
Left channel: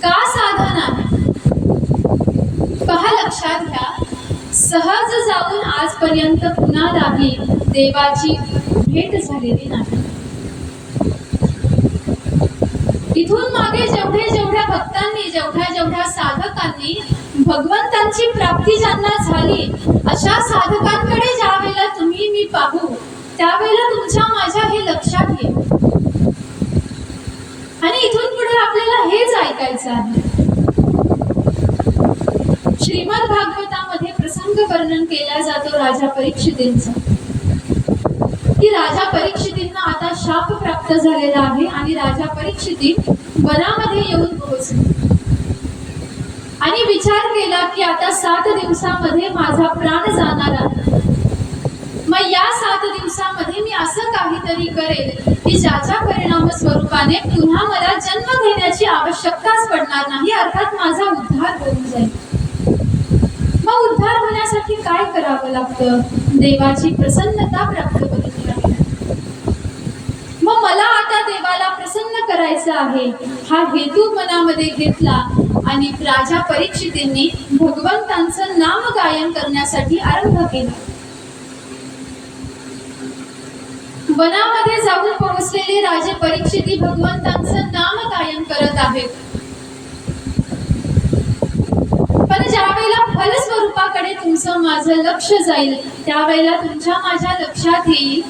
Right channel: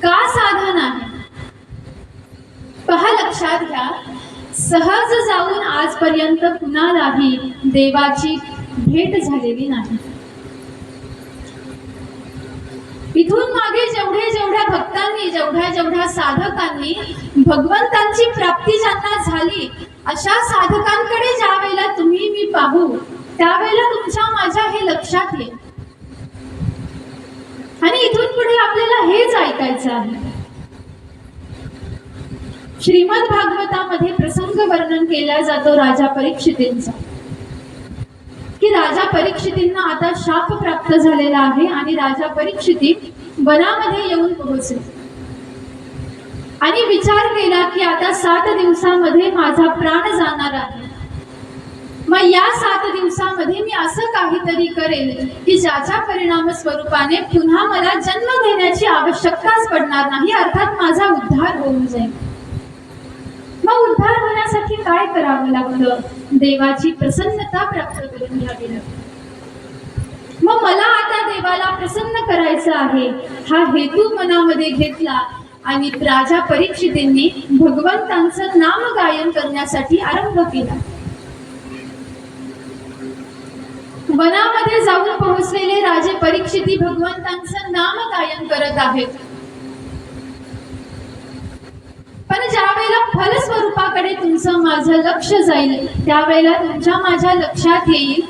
का साधन आहे? पहा, लक्षात घ्या, सहज जाऊन आजपर्यंत कुणालाही देवाची भेट झालेली नाही. इथून मागे जेवढ्या भक्तांनी जेवढ्या साधकांनी भगवंतांची प्राप्ती ज्यांना झाली, अशा साधकांकडे ज्या वेळेला तुम्ही मी पाहू, त्यावेळेला तुमच्या माझ्या हे लक्षात येईल. आणि इथून पुढे आपल्याला हेच ऐकायचं आहे. श्रीमद भागवतामध्ये प्रसंग वर्णन केला जातो राजा परीक्षितींचा, की राजा परीक्षितींना आता शाप प्राप्त झालेला आहे आणि राजा परीक्षिती वनामध्ये येऊन पोहोचले आणि विचार केला की आता 7 दिवसामध्ये माझा प्राण जाणार आहे. मग या 7 दिवसामध्ये मी असं काहीतरी करेल की ज्याच्या परिणाम स्वरूपाने पुन्हा मला जन्म घेण्याची आवश्यकताच पडणार नाही, अर्थात माझा उद्धार होऊन जाईल. मग उद्धार होण्यासाठी काय करावं लागतं? देवाची प्रसन्नता प्राप्त करून घ्यावी लागते. मग मला आता देवाला प्रसन्न करायचं आहे हा हेतू मनामध्ये घेतला आणि राजा परीक्षितींनी भगवंतांचं नाम गायन करण्यासाठी आरंभ केला. वनामध्ये जाऊन पोहोचलेले राजे परीक्षिती भगवंतांचं नाम गायन करत आहेत. पण ज्या वेळेला फलस्वरूपाकडे तुमचं माझं लक्ष जाईल, त्यावेळेला तुमच्या माझ्या लक्षात येईल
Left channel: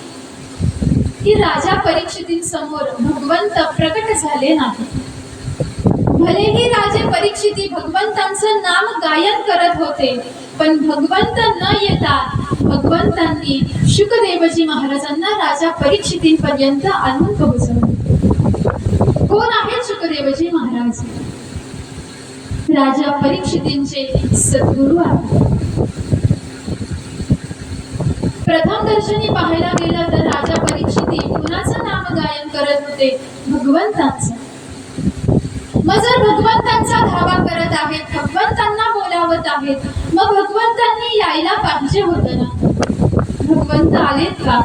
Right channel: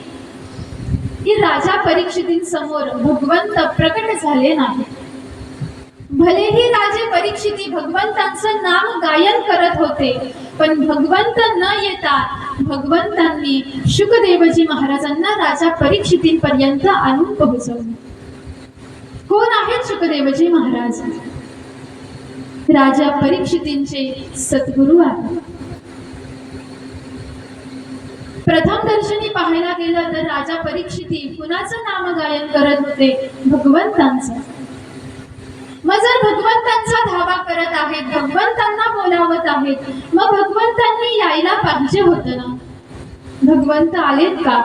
की राजा परीक्षितींसमोर भगवंत प्रकट झाले नाही. भलेही राजे परीक्षिती भगवंतांचं नाम गायन करत होते, पण भगवंत न येता भगवंतांनी शुकदेवजी महाराजांना राजा परीक्षितींपर्यंत आणून पोहोचवले. कोण आहेत शुकदेवजी महाराज? राजा परीक्षितींचे सद्गुरू आहेत. प्रथम दर्शनी पाहायला गेलं तर राजा परीक्षिती कुणाचं नाम गायन करत होते? भगवंतांचं. मग जर भगवंतांचा धावा करत आहेत, भगवंतांना बोलावत आहेत, मग भगवंतांनी यायला पाहिजे होतं ना. भगवंत आलेत का?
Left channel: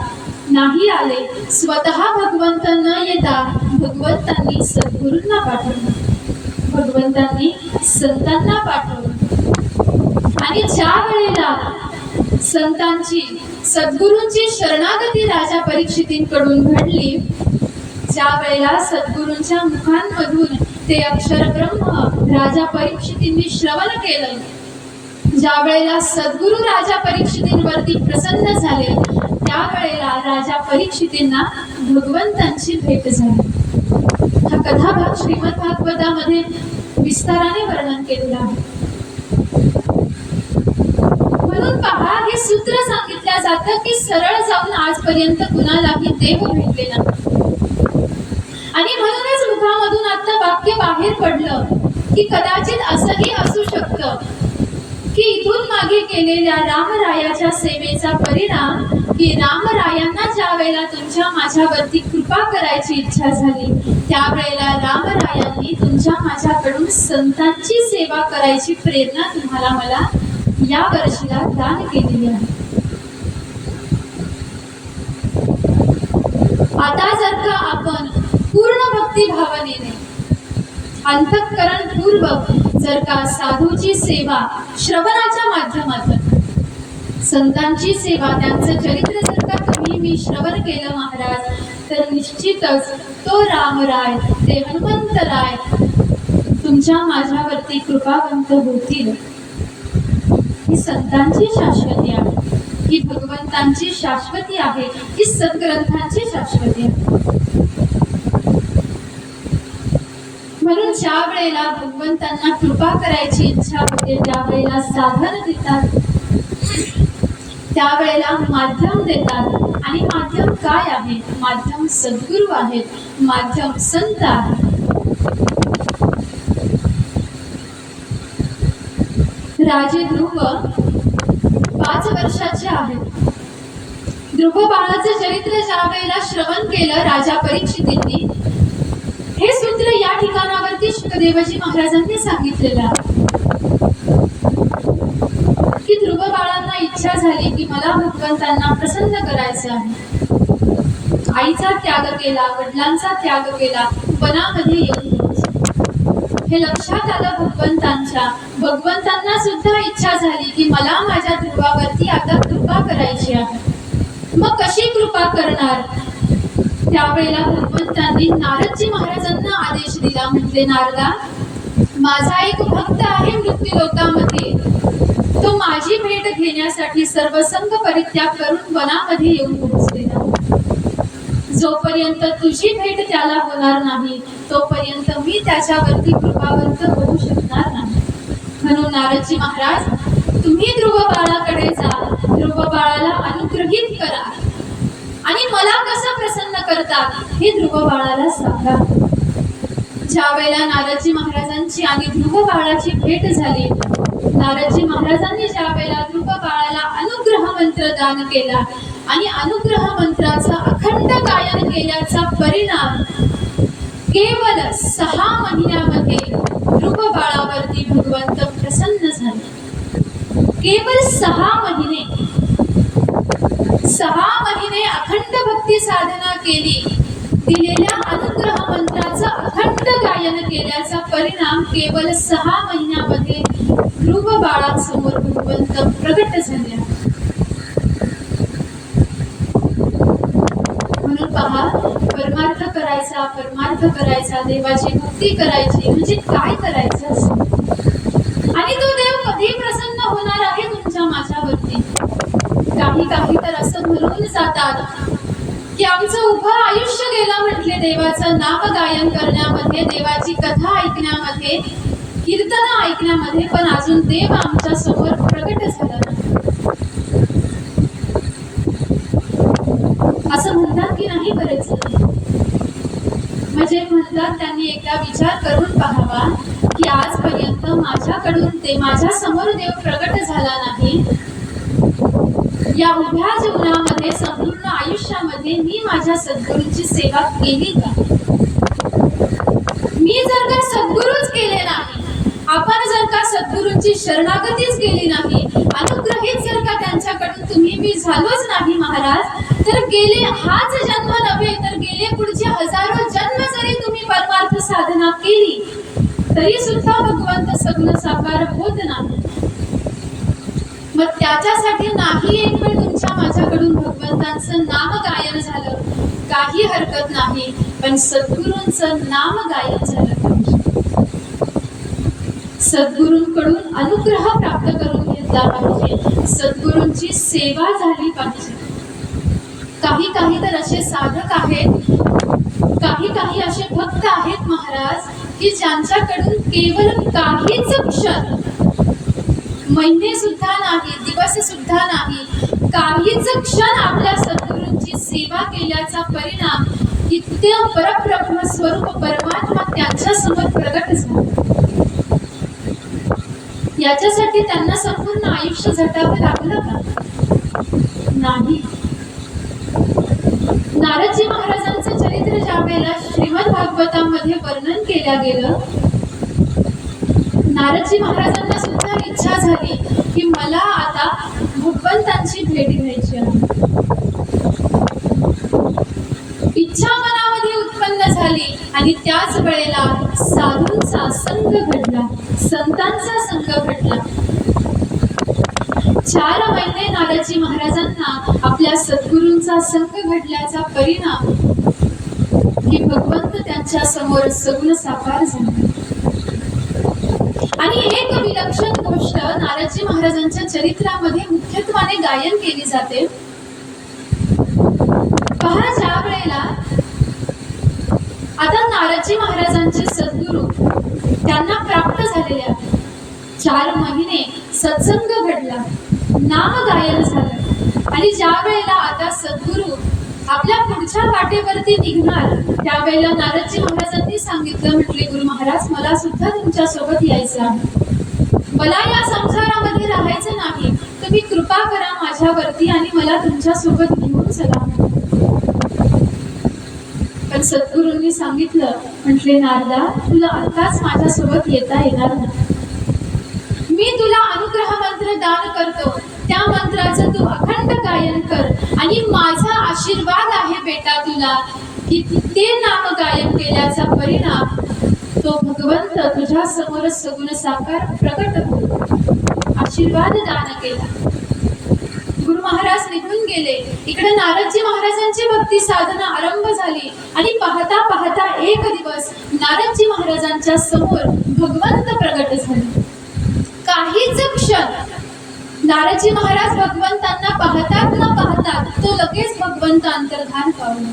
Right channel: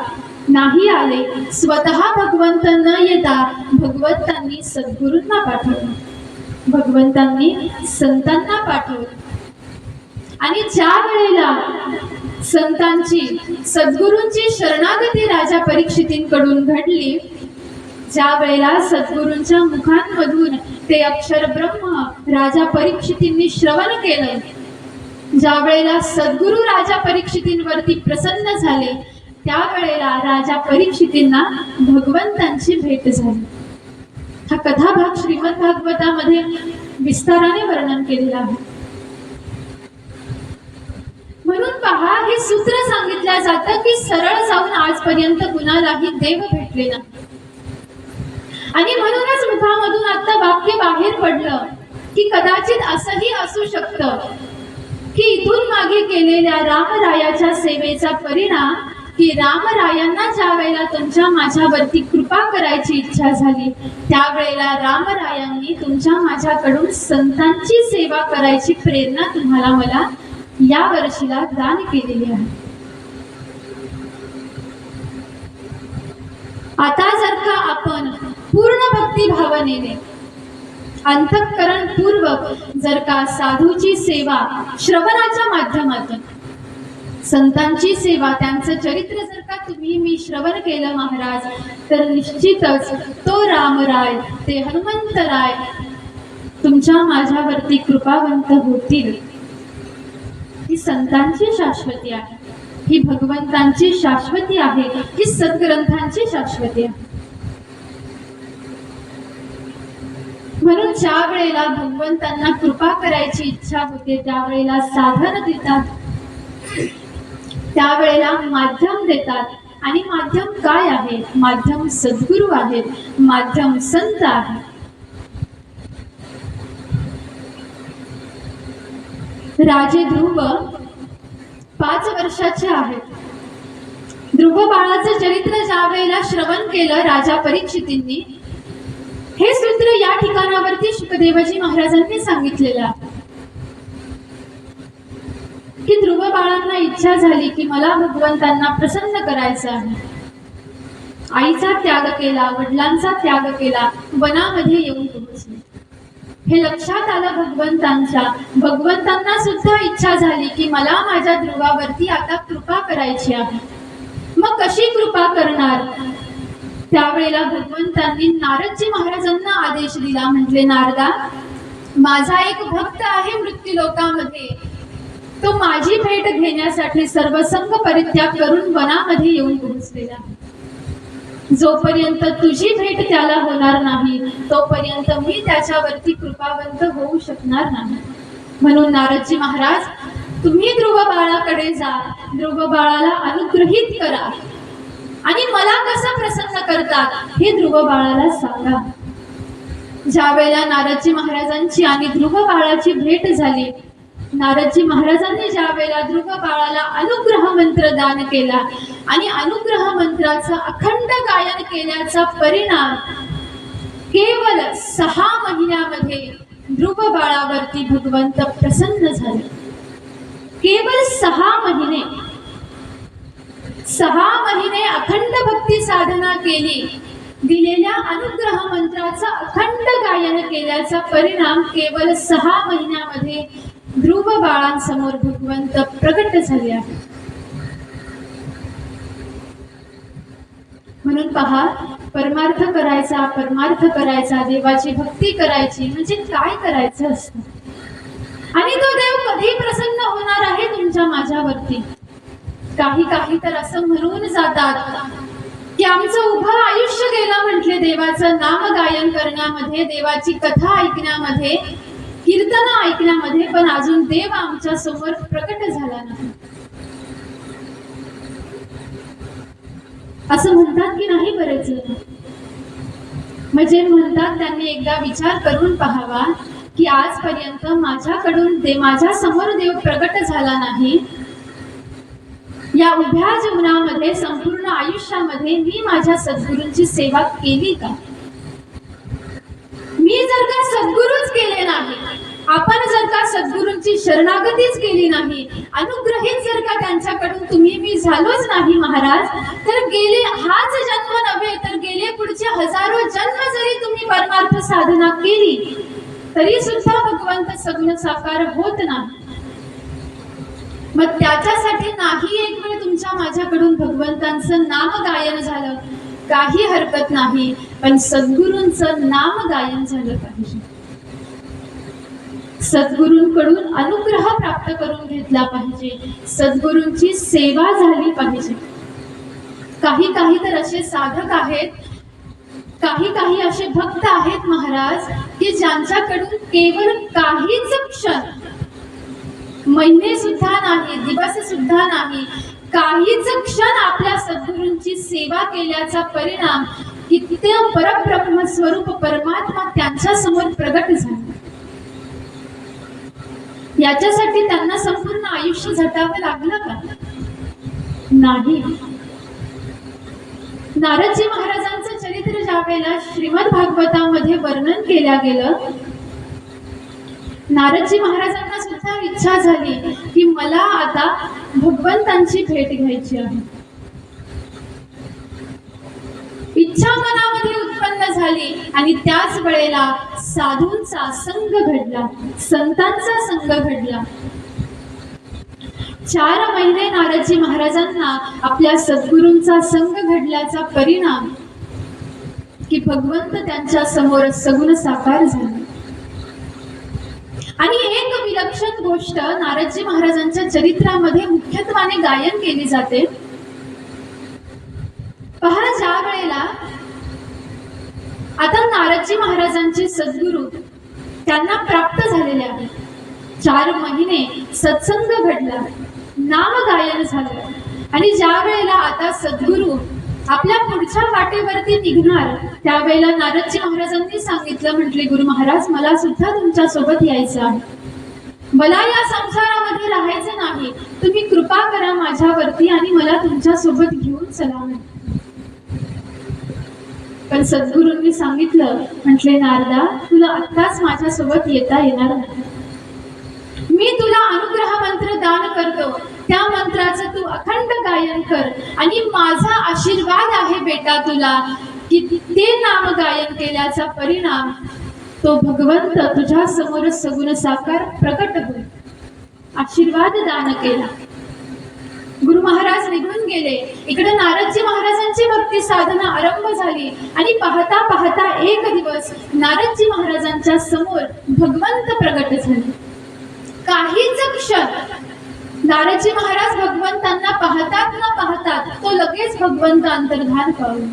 नाही आले. स्वतः भगवंत न येता भगवंतांनी सद्गुरूंना पाठवलं, भगवंतांनी संतांना पाठवलं. आणि ज्या वेळेला संतांची सद्गुरूंची शरणागती राजा परीक्षितींकडून घडली, ज्या वेळेला सद्गुरूंच्या मुखांमधून ते अक्षर ब्रह्म राजा परीक्षितींनी श्रवण केलं, ज्या वेळेला सद्गुरू राजा परीक्षितींवरती प्रसन्न झाले, त्यावेळेला राजा परीक्षितींना भगवंतांची भेट झाली. हा कथाभाग श्रीमद भागवतामध्ये विस्ताराने वर्णन केलेला आहे. म्हणून पहा, हे सूत्र सांगितलं जातं की सरळ जाऊन आजपर्यंत कुणालाही देव भेटले नाही. आणि म्हणूनच मुखामधून आता वाक्य बाहेर पडलं की कदाचित असंही असू शकतं की इथून मागे केलेल्या रामरायाच्या सेवेचा परिणाम की रामरायांना ज्या वेळेला तुमच्या माझ्यावरती कृपा करायची इच्छा झाली, त्यावेळेला रामरायांनी तुमच्या माझ्याकडून संतांची सेवा करायची प्रेरणा तुम्हाला मला या वर्षीला दान केलेली आहे. आता जर का आपण पूर्ण भक्ती भावनेने अंतःकरण पूर्वक जर का साधूची सेवा श्रवणाच्या माध्यमातून, संतांची सेवा, त्यांचं चरित्र जर का तुम्ही मी श्रवण केलं महाराज, तर निश्चितच तो रामराय, ते हनुमंतराय तुमच्या माझ्यावरती कृपावंत होतील. ही संतांची शाश्वती आहे, ही भगवंतांची शाश्वती आहे, ही सद्ग्रंथांची शाश्वती आहे. म्हणून ज्या वेळेला भगवंतांना कृपा करायची इच्छा होते, त्यावेळेला साधन देतात, त्यावेळेला माध्यम देतात. आणि माध्यम काय आहे? माध्यम सद्गुरू आहेत, माध्यम संत आहेत. राजे ध्रुव 5 वर्षाचे आहेत. ध्रुव बाळाचं चरित्र ज्या वेळेला श्रवण केलं राजा परीक्षितींनी, हे सूत्र या ठिकाणावरती शुकदेवजी महाराजांनी सांगितलेलं आहे की ध्रुव बाळांना इच्छा झाली की मला भगवंतांना प्रसन्न करायचं आहे. आईचा त्याग केला, वडिलांचा त्याग केला, वनामध्ये येऊन पोहोचले. हे लक्षात आलं भगवंतांच्या. भगवंतांना सुद्धा इच्छा झाली की मला माझ्या ध्रुवावरती आता कृपा करायची आहे. मग कशी कृपा करणार? त्यावेळेला भगवंतांनी नारदजी महाराजांना आदेश दिला. म्हटले, नारदा, माझा एक भक्त आहे मृत्यू लोकामध्ये. तो माझी भेट घेण्यासाठी सर्वसंग परित्याग करून वनामध्ये येऊन पोहोचलेला. जोपर्यंत तुझी भेट त्याला होणार नाही तोपर्यंत मी त्याच्यावरती कृपावंत होऊ शकणार नाही. म्हणून नारदजी महाराज, तुम्ही ध्रुव बाळाकडे जा, ध्रुव बाळाला अनुग्रहित करा आणि मला कसं प्रसन्न करतात हे ध्रुव बाळाला सांगा. ज्या वेळेला नारदजी महाराजांची आणि ध्रुव बाळाची भेट झाली, नारदजी महाराजांनी ज्या वेळेला ध्रुव बाळाला अनुग्रह मंत्र दान केला आणि अनुग्रह मंत्राचं अखंड गायन केल्याचा परिणाम केवळ 6 महिन्यामध्ये ध्रुव बाळावरती भगवंत प्रसन्न झाले. केवळ 6 महिने, 6 महिने अखंड भक्ती साधना केली, दिलेल्या अनुग्रह मंत्राचं अखंड गायन केल्याचा परिणाम केवळ 6 महिन्यामध्ये ध्रुव बाळांसमोर भगवंत प्रकट झाले. म्हणून पहा, परमार्थ करायचा, परमार्थ करायचा, देवाची भक्ती करायची म्हणजे काय करायचं असतं आणि तो देव कधी प्रसन्न होणार आहे तुमच्या माझ्यावरती. काही तर असं म्हणून जातात की आमचं उभं आयुष्य गेलं म्हटले देवाचं नाम गायन करण्यामध्ये, देवाची कथा ऐकण्यामध्ये, कीर्तन ऐकण्यामध्ये, पण अजून देव आमच्या समोर प्रकट झाला नाही. असं म्हणतात की नाही बरेच जण. म्हणजे म्हणतात त्यांनी एकदा विचार करून पाहावा की आजपर्यंत माझ्याकडून माझ्या समोर देव प्रकट झाला नाही. या उभ्या जीवनामध्ये, संपूर्ण आयुष्यामध्ये मी माझ्या सद्गुरूंची सेवा केली का? मी जर का सद्गुरूच केले नाही, आपण जर का सद्गुरूंची शरणागतीच केली नाही, अनुग्रहित जर का त्यांच्याकडून तुम्ही मी झालोच नाही महाराज, तर गेले हाच जन्म नव्हे तर गेले पुढचे हजारो जन्म जरी तुम्ही परमार्थ साधना केली तरी सुद्धा भगवंत सगुण साकार होत नाही. मग त्याच्यासाठी नाही एक वेळ तुमच्या माझ्याकडून भगवंतांचं नाम गायन झालं, काही हरकत नाही, पण सद्गुरूंचं नाम गायन झालं पाहिजे. सद्गुरूंकडून अनुग्रह प्राप्त करून घेतला पाहिजे, सद्गुरूंची सेवा झाली पाहिजे. काही तर असे साधक आहेत, काही असे भक्त आहेत महाराज की ज्यांच्याकडून केवळ काहीच क्षण, महिने सुद्धा नाही, दिवस सुद्धा नाही, काहीच क्षण आपल्या सद्गुरूंची सेवा केल्याचा परिणाम इतके परब्रह्म स्वरूप परमात्मा त्यांच्या समोर प्रगट झाला. याच्यासाठी त्यांना संपूर्ण आयुष्य झटावं लागलं का? नाही. नारदजी महाराजांचं चरित्र ज्या वेळेला श्रीमद भागवतामध्ये वर्णन केलं गेलं, नारदजी महाराजांना सुद्धा इच्छा झाली की मला आता भगवंतांची भेट घ्यायची आहे. इच्छा मनामध्ये उत्पन्न झाली आणि त्याच वेळेला साधूंचा संग घडला, संतांचा संग घडला. 4 महिने नारदजी महाराजांना आपल्या सद्गुरूंचा संग घडल्याचा परिणाम की भगवंत त्यांच्या समोर सगुण साकार झाले. आणि एक विलक्षण गोष्ट नारदजी महाराजांच्या चरित्रामध्ये मुख्यत्वाने गायन केली जाते. पहा, ज्या वेळेला आता नारदजी महाराजांचे सद्गुरू त्यांना प्राप्त झालेले आहेत, 4 महिने सत्संग घडला, नाम गायन झालं आणि ज्या वेळेला आता सद्गुरू आपल्या पुढच्या वाटेवरती निघणार त्यावेळेला नारदजी महाराजांनी सांगितलं, म्हटले गुरु महाराज मला सुद्धा तुमच्या सोबत यायचं आहे, मला या संसारामध्ये राहायचं नाही, तुम्ही कृपा करा माझ्यावरती आणि मला तुमच्या सोबत घेऊन चला. पण सद्गुरूंनी सांगितलं, म्हटले नारदा तुला आत्ताच माझ्यासोबत येता येणार नाही, मी तुला अनुग्रह मंत्र दान करतो, त्या मंत्राचं तू अखंड गायन कर आणि माझा आशीर्वाद आहे बेटा तुला की ते नाम गायन केल्याचा परिणाम तो भगवंत तुझ्या समोर सगुण साकार प्रकट होईल. आशीर्वाद दान केला. गुरु महाराज निघून गेले. इकडे नारदजी महाराजांची भक्ती साधना आरंभ झाली आणि पाहता पाहता एक दिवस नारदजी महाराजांच्या समोर भगवंत प्रगट झाले. काहीच क्षण नारदजी महाराज भगवंतांना पाहतात न पाहतात तो लगेच भगवंत अंतर्धान पावला.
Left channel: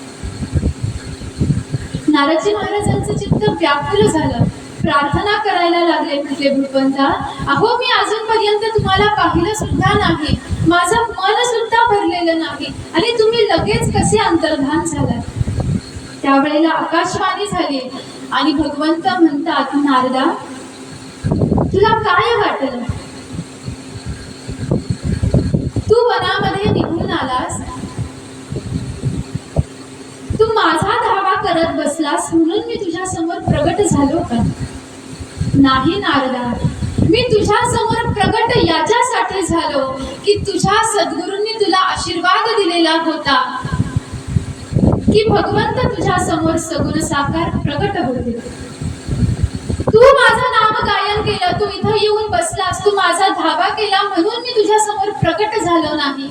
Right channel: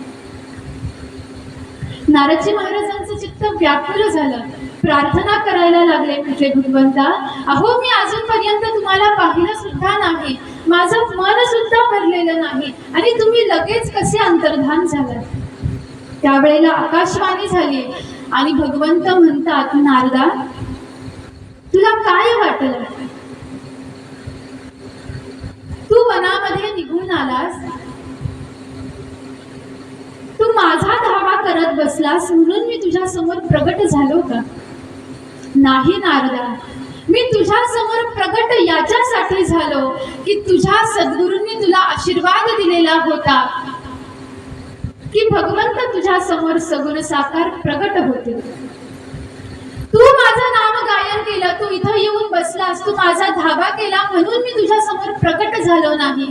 नारदजी महाराजांचं चित्त व्याकुल झालं. प्रार्थना करायला लागले. म्हटले, भगवंता, अहो मी अजूनपर्यंत तुम्हाला पाहिलं सुद्धा नाही, माझं मन सुद्धा भरलेलं नाही आणि तुम्ही लगेच कसे अंतर्धान झालात. त्यावेळेला आकाशवाणी झाली आणि भगवंत म्हणतात, नारदा, तुला काय वाटलं? तू वनामध्ये निघून आलास, तू माझा धावा करत बसलास म्हणून मी तुझ्या समोर प्रगट झालो का? नाही नारदा, मी तुझ्या समोर प्रगट याच्यासाठी झालो की तुझ्या सद्गुरूंनी तुला आशीर्वाद दिलेला होता की भगवंत तुझ्या समोर सगुण साकार प्रगट होते. तू माझं नाम गायन केलं, तू इथं येऊन बसलास, तू माझा धावा केला म्हणून मी तुझ्या समोर प्रगट झालो नाही,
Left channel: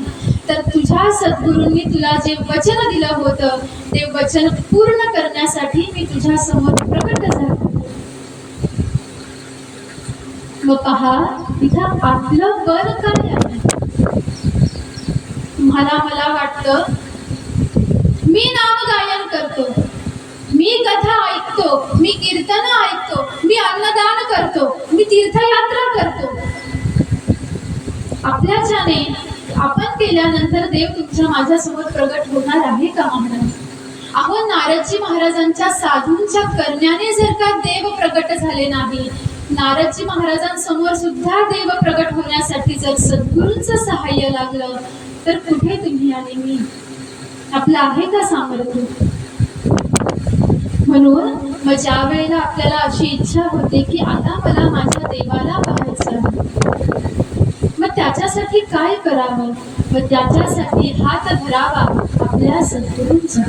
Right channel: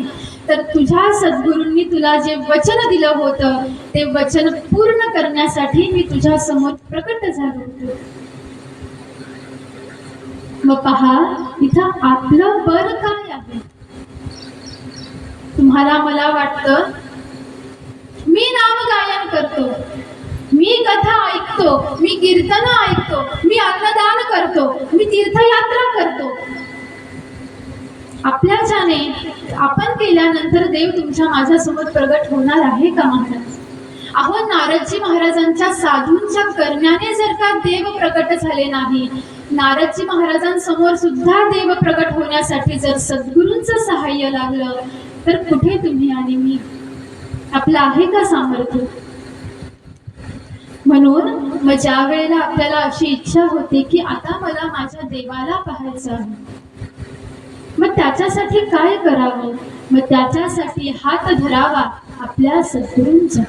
तर तुझ्या सद्गुरूंनी तुला जे वचन दिलं होतं ते वचन पूर्ण करण्यासाठी मी तुझ्या समोर प्रगट झालो. व पहा, इथं आपलं बळ काय आहे? तुम्हाला मला वाटतं मी नाम गायन करतो, मी कथा ऐकतो, मी कीर्तन ऐकतो, मी अन्नदान करतो, मी तीर्थयात्रा करतो. आपल्याच्याने आपण केल्यानंतर देव तुमच्या माझ्यासमोर प्रगट होणार आहे का महाराज? अहो, नारदजी महाराजांच्या साधूंच्या करण्याने जर का देव प्रगट झाले नाही, नारदजी महाराजांसमोर सुद्धा देव प्रगट होण्यासाठी जर सद्गुरूंचं सहाय्य लागलं तर कुठे तुम्ही आणि मी? आपलं आहे का सामर्थ्य? म्हणून मग ज्या वेळेला आपल्याला अशी इच्छा होते की आता मला माझ्या देवाला पाहायचं आहे, मग त्याच्यासाठी काय करावं? मग त्याच्यासाठी हात धरावा आपल्या सद्गुरूंचा,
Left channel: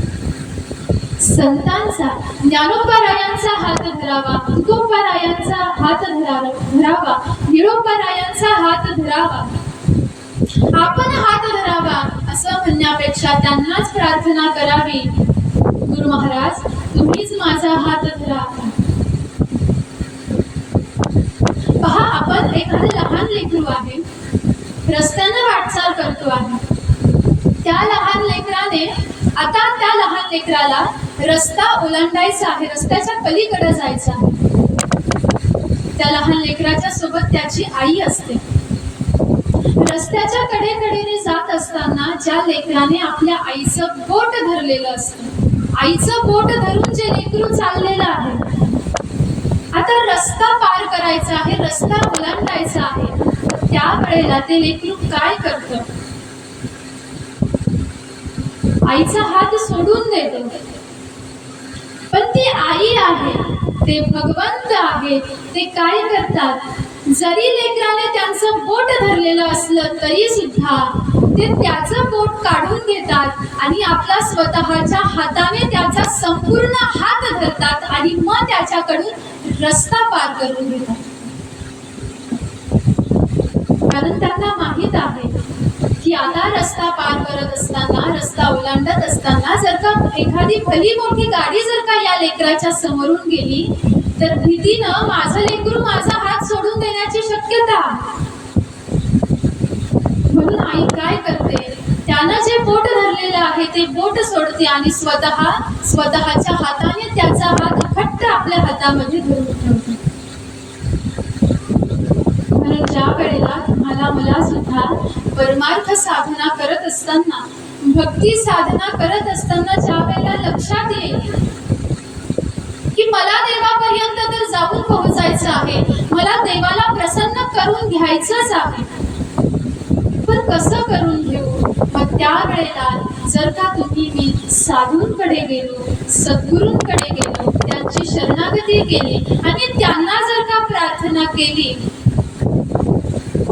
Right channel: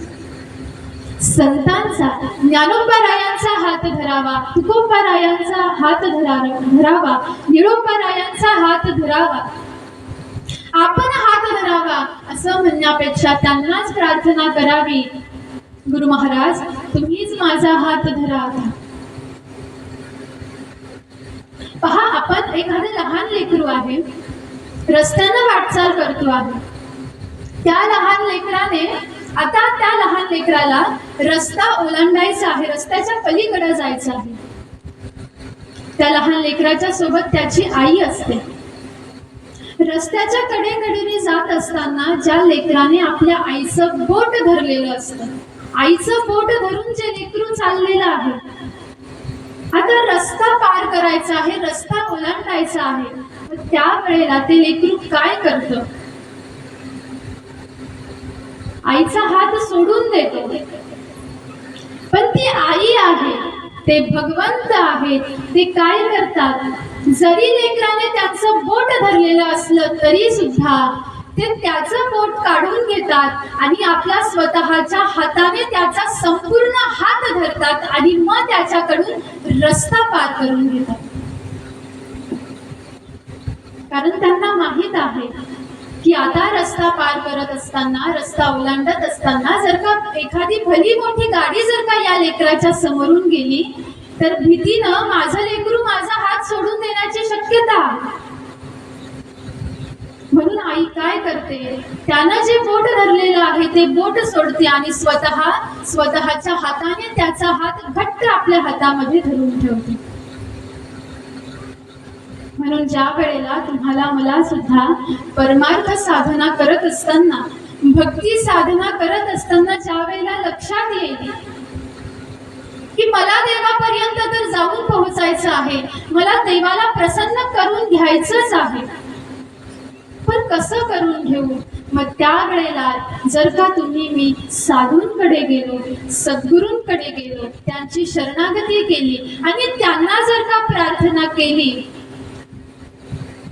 संतांचा, ज्ञानोबारायांचा हात धरावा, तुकोबारायांचा हात धरावा, निळोबारायांचा हात धरावा, आपण हात धरावा असं म्हणण्यापेक्षा त्यांनाच प्रार्थना करावी, गुरु महाराज तुम्हीच माझा हात धरा. पहा, आपण एखादं लहान लेकरू आहे, रस्त्यानं वाटचाल करतो आहे, त्या लहान लेकराने आता त्या लहान लेकराला रस्ता ओलांडायचा आहे, रस्त्याच्या पलीकडे जायचं आहे. त्या लहान लेकराच्या सोबत त्याची आई असते. रस्त्याच्या कडेकडेने जात असताना ज्या लेकराने आपल्या आईचं बोट धरलेलं असतं, आईचं बोट धरून जे लेकरू चाललेलं आहे, आता रस्ता पार करायचा आहे, रस्ता ओलांडायचा आहे, त्या वेळेला ते लेकरू काय करतं? आईचा हात सोडून देतो. पण ती आई आहे, ते भगवंत आहेत, ते काय करतात? जरी लेकराने त्यांचं बोट धरलेलं असलं तरी सुद्धा ते त्याचं बोट काढून घेतात आणि आपला स्वतःच्या हाताने त्याचा संपूर्ण हात धरतात आणि मग त्याच्याकडून रस्ता पार करून घेतात. कारण त्यांना माहित आहे की आता रस्ता पार करत असताना, रस्ता ओलांडत असताना जर का एखादी भली मोठी गाडी जर का या लेकराच्या समोरून गेली तर भीतीनं माझं लेकरू माझा हात सोडून देण्याची शक्यता. म्हणून आई काय करते? त्यानं जे बोट धरलेलं आहे ते बोट सोडते आणि स्वतःच्या हाताने त्याचा हात घट्ट आपल्या हातामध्ये धरून ठेवते. म्हणून ज्या वेळेला तुम्हाला मला सुद्धा परमार्थ साधना करत असताना, भक्ती साधना करत असताना ज्या वेळेला लक्षात येईल की मला देवापर्यंत तर जाऊन पोहोचायचं आहे, मला देवाला प्रसन्न करून घ्यायचंच आहे, पण कसं करून घेऊ? मग त्या वेळेला जर का तुम्ही मी साधूंकडे गेलो, सद्गुरूंकडे गेलो, त्यांची शरणागती केली आणि त्यांना जर का प्रार्थना केली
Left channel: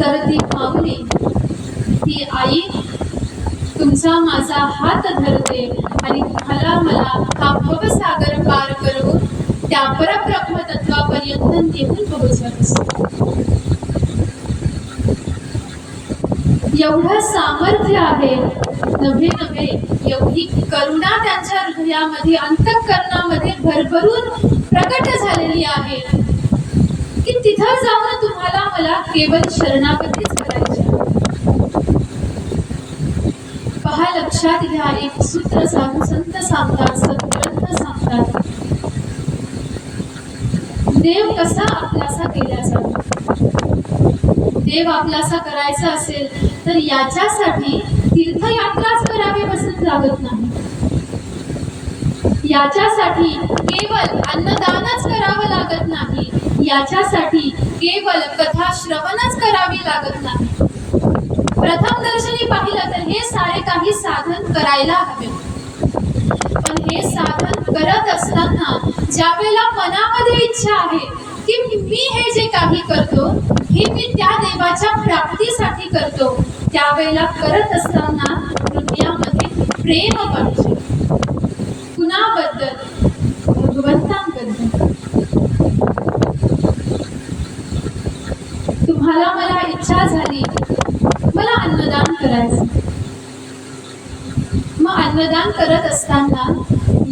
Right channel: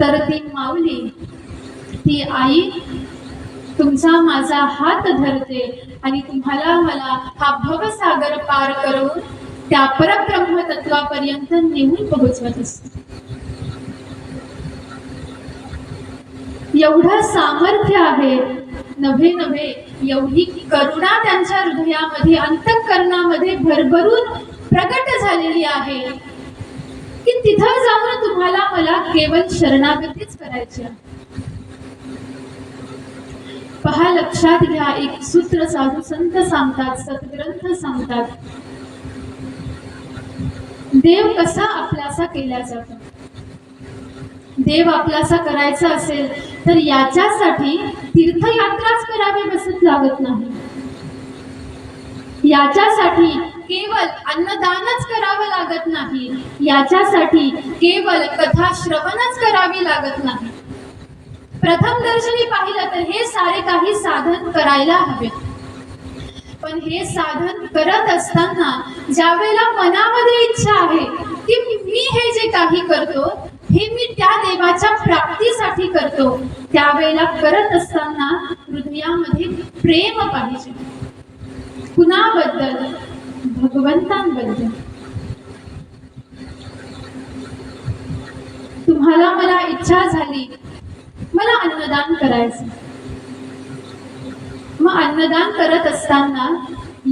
तर ती माऊली, ती आई तुमचा माझा हात धरते आणि तुम्हाला मला हा भवसागर पार करून त्या परब्रह्म तत्वापर्यंत नेऊन पोहोचवत असते. एवढं सामर्थ्य आहे, नव्हे नव्हे एवढी करुणा त्यांच्या हृदयामध्ये अंतःकरणामध्ये भरभरून प्रकट झालेली आहे की तिथं जाऊन तुम्हाला मला केवळ शरणागतीच करायची आहे. पहा, लक्षात घ्या, एक सूत्र साधू संत सांगतात, सद्ग्रंथ सांगतात, देव कसा आपलासा केला जातो. देव आपलासा करायचा असेल तर याच्यासाठी तीर्थयात्राच करावी असं लागत नाही. याच्यासाठी केवळ अन्नदानच करावं लागत नाही. याच्यासाठी केवळ कथा श्रवणच करावी लागत नाही. प्रथम दर्शनी पाहिलं तर हे सारे काही साधन करायला हवे. पण हे साधन करत असताना ज्या वेळेला मनामध्ये इच्छा आहे की मी हे जे काही करतो हे मी त्या देवाच्या प्राप्तीसाठी करतो, त्यावेळेला करत असताना हृदयामध्ये प्रेम पाहिजे. कुणाबद्दल? भगवंतांबद्दल. तुम्हाला मला इच्छा झाली, मला अन्नदान करायचं. मग अन्नदान करत असताना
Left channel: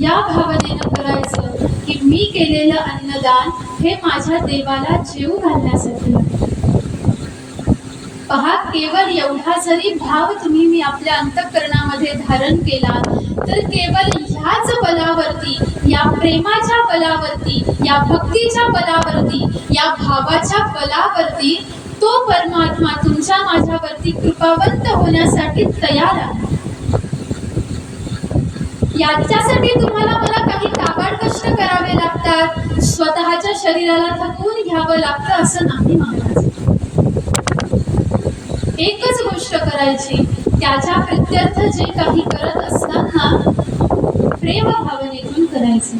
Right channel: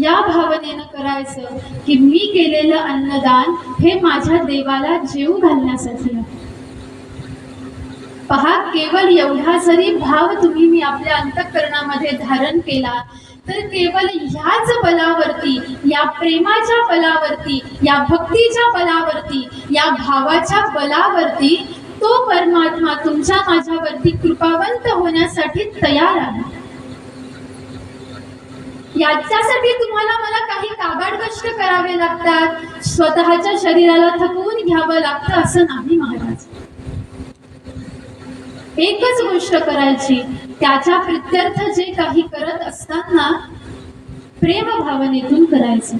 या भावनेनं करायचं की मी केलेलं अन्नदान हे माझ्या देवाला जेवू घालण्यासाठी. पहा, केवळ एवढा जरी भाव तुम्ही मी आपल्या अंतःकरणामध्ये धारण केला तर केवळ ह्याच बलावरती, या प्रेमाच्या बलावरती, या भक्तीच्या बलावरती, या भावाच्या बलावरती तो परमात्मा तुमच्या माझ्यावरती कृपावंत होण्यासाठी तयार आहे. याच्यासाठी तुम्हाला मला काही काबाड कष्ट करावे लागतात, स्वतःच्या शरीराला थकवून घ्यावं लागतं असं नाही महाराज. एकच गोष्ट करायची, त्याच्या प्रत्यर्थ जे काही करत असताना प्रेम भावनेतून करायचं.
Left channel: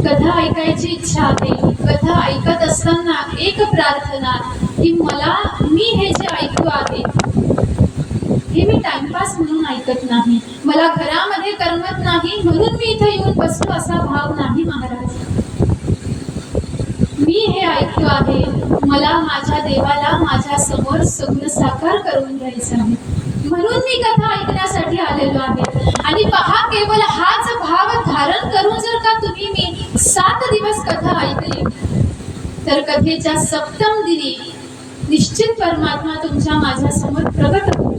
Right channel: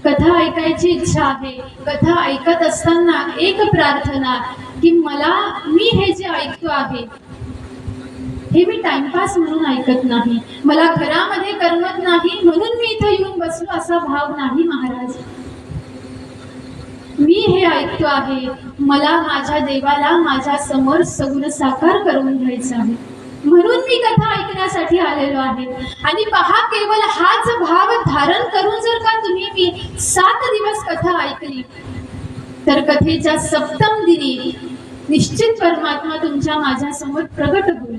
कथा ऐकायची इच्छा आहे, कथा ऐकत असताना एक प्रार्थना की मी हे जे ऐकू आहे हे मी टाइमपास म्हणून ऐकत नाही, मला घरामध्ये करमत नाही म्हणून मी इथं येऊन बसलो असा भाव नाही महाराज. मी हे ऐकतो आहे, मला माझ्या देवाला माझ्या समोर सगुण साकार करून घ्यायचं आहे म्हणून मी कथा ऐकण्यासाठी आलेलो आहे. आणि पहा, केवळ हाच भाव धारण करून जर का तुम्ही मी 7 दिवस कथा ऐकली तर कथेच्या सप्तम दिनी निश्चित परमात्मा तुमच्या माझ्या समोर प्रगट होईल.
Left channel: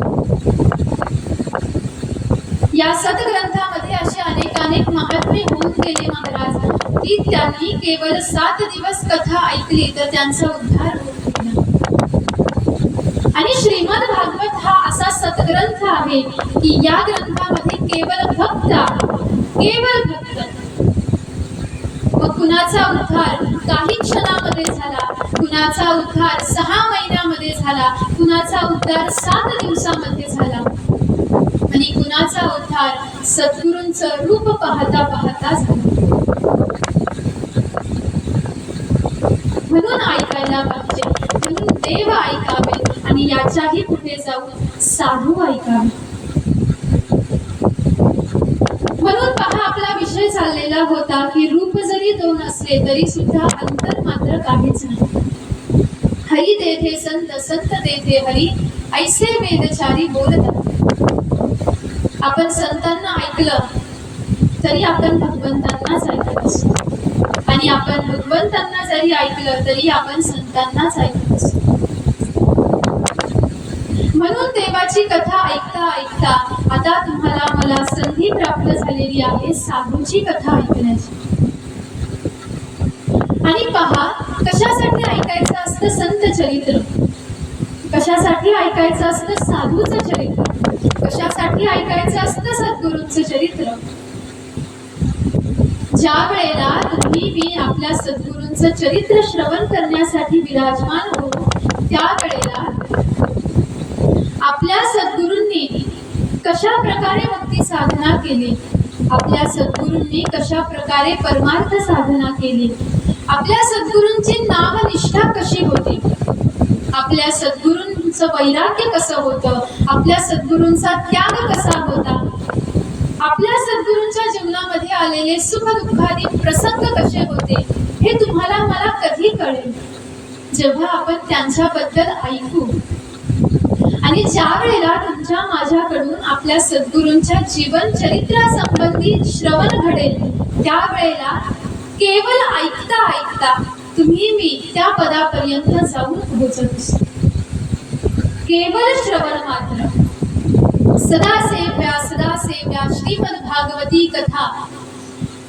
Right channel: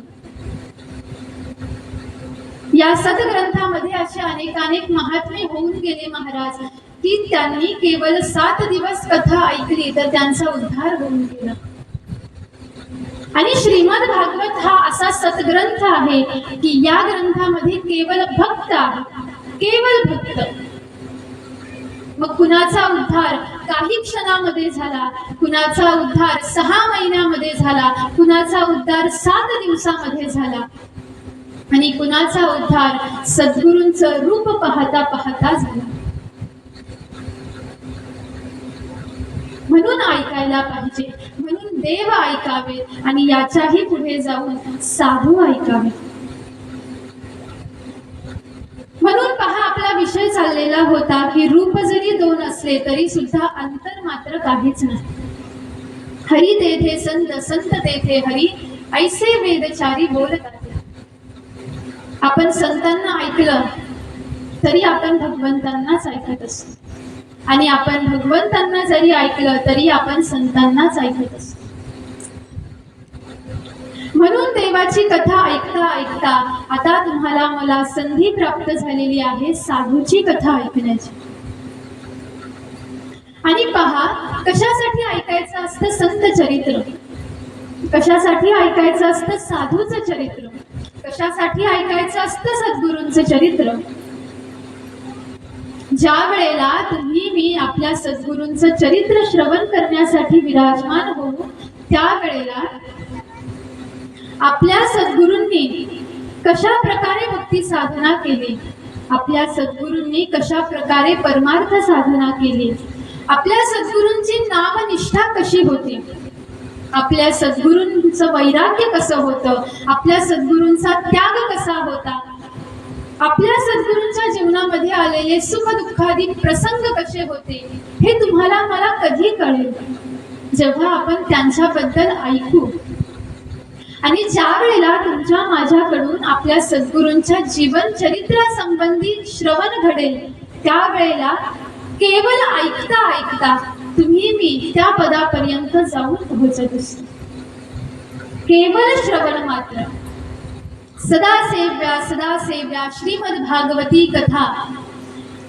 या सद्ग्रंथामध्ये असे अनेक महात्मे होऊन गेले महाराज की त्यांनी केवळ 7 दिवस कथा ऐकली तर त्यांचा उद्धार होऊन गेला. आणि श्रीमद भागवत हा असा सद्ग्रंथ आहे की या ग्रंथामध्ये केवळ भक्त, केवळ भक्त. मग कुणाचा उद्धार काही क्षणामध्ये झाला, कुणाचा उद्धार 6 महिन्यामध्ये झाला, कुणाचा उद्धार 7 दिवसामध्ये झाला आणि कुणाचा उद्धार सद्गुरूंचं रूप पाहता पाहता झाला. म्हणून ऐकायला पाहिजे, म्हणून देव ऐकावे आणि याच्याही पुढे जाऊन साधू ऐकावे. म्हणून पहा, आपला विषय चाललेला होता की रूप जरी 2 असले तरी सुद्धा अंतर मात्र काहीच नाही. हरी तेथे संत, संत तेथे हरी, ऐसे वेदचारी बोलतात. आपण संतांना ऐकलं तरी आपण भगवंतांनाच ऐकत असतो आणि आपण भगवंतांना जरी ऐकलं तरी आपण संतांनाच ऐकत असतो. म्हणून देवाची कथा ऐकता ऐकता आता तुम्हाला मला संधी प्राप्त झालेली आहे साधूची कथा ऐकण्याची. आणि पहा, कशासाठी ऐकायचं असतं संत चरित्र, कशासाठी ऐकायचं असतं साधूचं चरित्र, कशासाठी ऐकायचं असतं सद्गुरूंचं चरित्र. ज्या वेळेला तुम्ही मी आपल्या सद्गुरूंचं चरित्र श्रवण करण्यासाठी विराजमान हो त्यावेळेला आपल्या सद्गुरूंनी कशा प्रकारे भक्ती साधना केली, आपल्या सद्गुरूंनी कशा प्रकारे परमार्थ साधना केली, आपल्या सद्गुरूंची नामनिष्ठा कशी होती, आपल्या सद्गुरूंचं वैराग्य कसं होतं, आपल्या सद्गुरूंचा त्याग कसा होता, आपल्या सद्गुरूंच्या जीवनामध्ये आलेले सुख दुःखादी प्रसंग कसे होते, हे तुम्हाला मला कधी कळेल जेव्हा आपण त्यांच्याबद्दल ऐकू. आणि ज्या वेळेला तुमच्या माझ्याकडून आपल्या सद्गुरूंच्या जीवन चरित्रासंबंधी श्रवण घडेल, त्यावेळेला केवळ ऐकता ऐकता तुम्ही मी त्या पदापर्यंत जाऊन पोहोचत असतो. केवळ श्रवण मात्र. सदा सेव्या श्रीमद भागवती कथा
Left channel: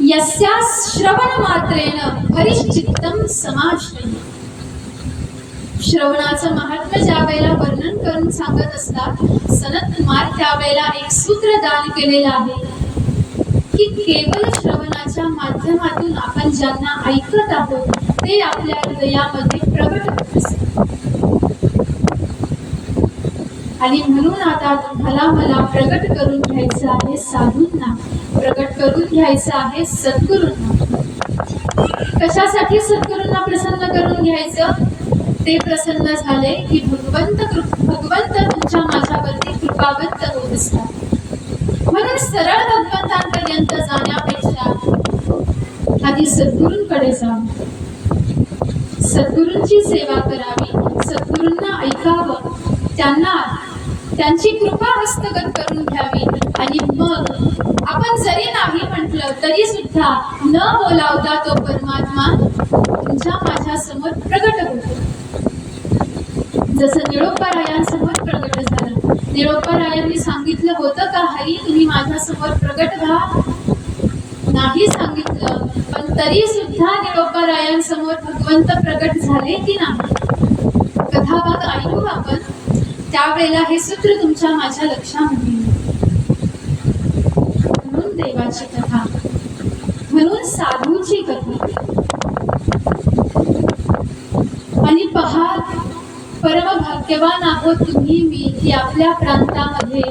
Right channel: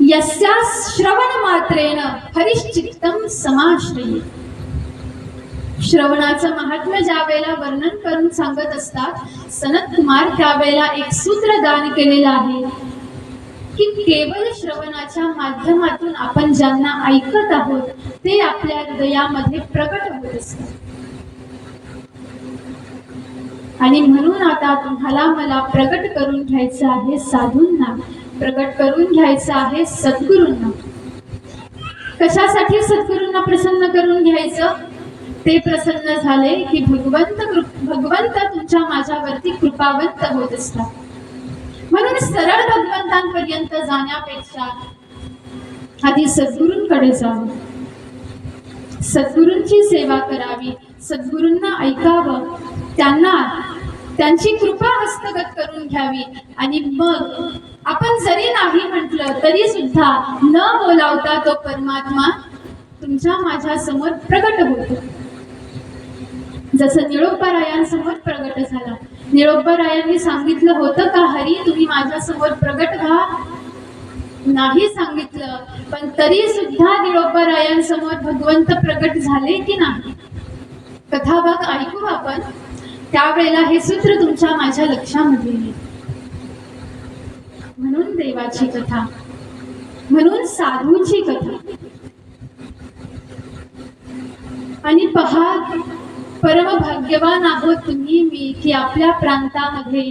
यस्या श्रवण मात्रेण हरिश्चित्तम समाश्रयी. श्रवणाचं महात्म्य ज्या वेळेला वर्णन करून सांगत असतात सनत कुमार, त्यावेळेला एक सूत्र दान केलेलं आहे की केवळ श्रवणाच्या माध्यमातून आपण ज्यांना ऐकत आहोत ते आपल्या हृदयामध्ये प्रकट होत असतात. आणि म्हणून आता तुम्हाला मला प्रकट करून घ्यायचं आहे साधूंना, प्रकट करून घ्यायचं आहे सद्गुरूंना. कशासाठी सद्गुरूंना प्रसन्न करून घ्यायचं? ते प्रसन्न झाले की भगवंत तुमच्या माझ्यावरती कृपावंत होत असतात. म्हणून सरळ भगवंतांपर्यंत जाण्यापेक्षा आधी सद्गुरूंकडे जावं, सद्गुरूंची सेवा करावी, सद्गुरूंना ऐकावं, त्यांची कृपा हस्तगत करून घ्यावी. आणि मग आपण जरी नाही म्हटलं तरी सुद्धा न बोलावता तो परमात्मा तुमच्या माझ्या समोर प्रगट होतो. जसं निळोपरायांसमोर प्रगट झाला. निळोपरायांनी सांगितलं होतं का हरी तुम्ही माझ्या समोर प्रगट व्हा? नाही सांगितलं, पण तरी सुद्धा निळोपरायांसमोर भगवंत प्रगट झाले की नाही? कथाभाग ऐकू आपण. त्यावेळेला हे सूत्र तुमच्या माझ्या लक्षामध्ये येईल. म्हणून देवाची कथा, म्हणून साधूची कथा. आणि पहा, परम भाग्यवान आहोत तुम्ही मी की आपल्या प्रांतामध्ये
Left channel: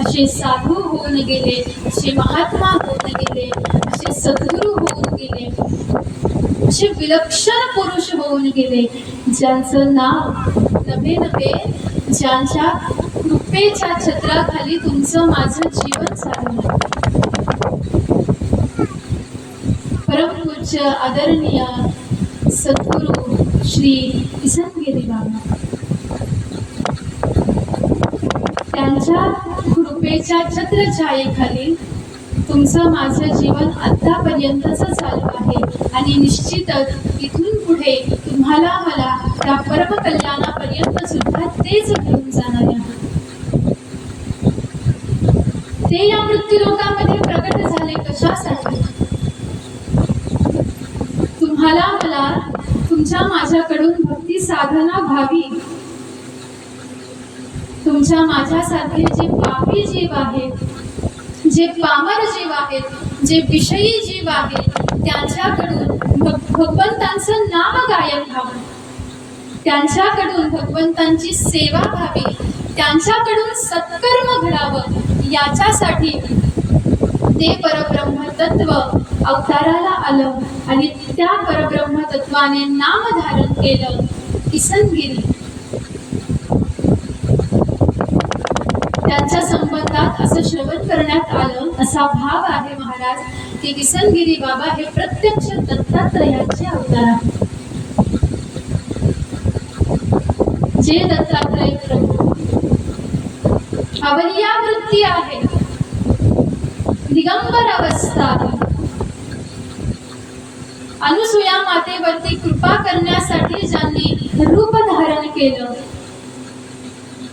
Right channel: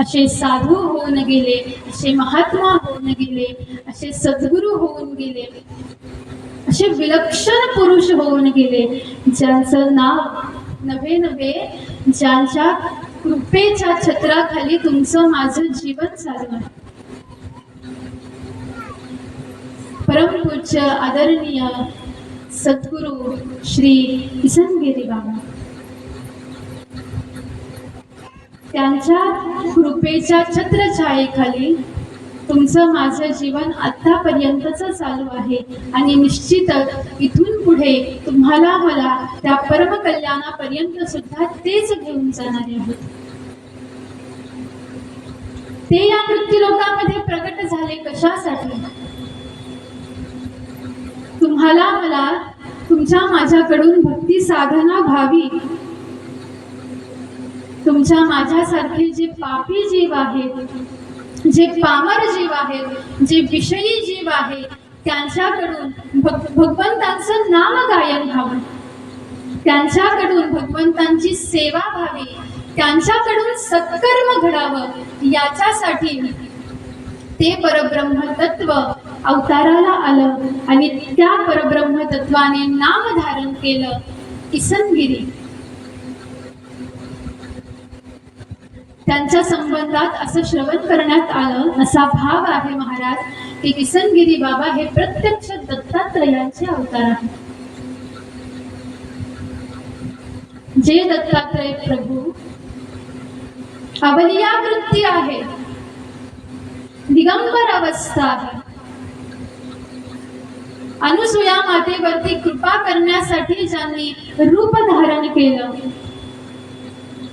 असे साधू होऊन गेले, असे महात्मा होऊन गेले, असे सद्गुरू होऊन गेले, असे विलक्षण पुरुष होऊन गेले ज्यांचं नाव नभे नभे, ज्यांच्या कृपेच्या छत्राखाली तुमचं माझं जीवन चाललं. परमपूज्य आदरणीय सद्गुरू श्री किसनगिरी बाबा, त्यांच्या कृपेच्या छत्रछायेखाली तुमचं माझं जीवन आतापर्यंतच चालू आहे. आणि निश्चितच इथून पुढे तुम्हाला मला त्या परमकल्याणापर्यंत सुद्धा तेच घेऊन जाणारे आहेत. ते या मृत्यूलोकामध्ये प्रगट झाले कशासाठी? तुम्हाला मला तुमच्या माझ्याकडून भक्ती साधना व्हावी. तुमच्या माझ्यासारखे जे पापी जीव आहेत, जे पामर जीव आहेत, जे विषयी जीव आहेत, त्यांच्याकडून भगवंतांचं नाम गायन व्हावं, त्यांच्याकडून भगवंतांची सेवा व्हावी, त्यांच्याकडून सत्कर्म घडावं. याच्यासाठी ते परब्रह्म तत्व अवताराला आलं आणि त्या परब्रह्म तत्वाने नाम धारण केलं किसनगिरी. त्यांच्या संबंधात असं श्रवण करण्यात आलं, असा भाव आहे महाराज की किसनगिरी बाबा हे प्रत्यक्ष दत्तात्रयाचे अवतार आहेत. जे दत्तात्रय प्रभू अवलिया वृत्ती आहे, दिगंबर अवस्था आहे. अनुसूया मातेवरती कृपा करण्यासाठी ज्यांनी रूप धारण केलं,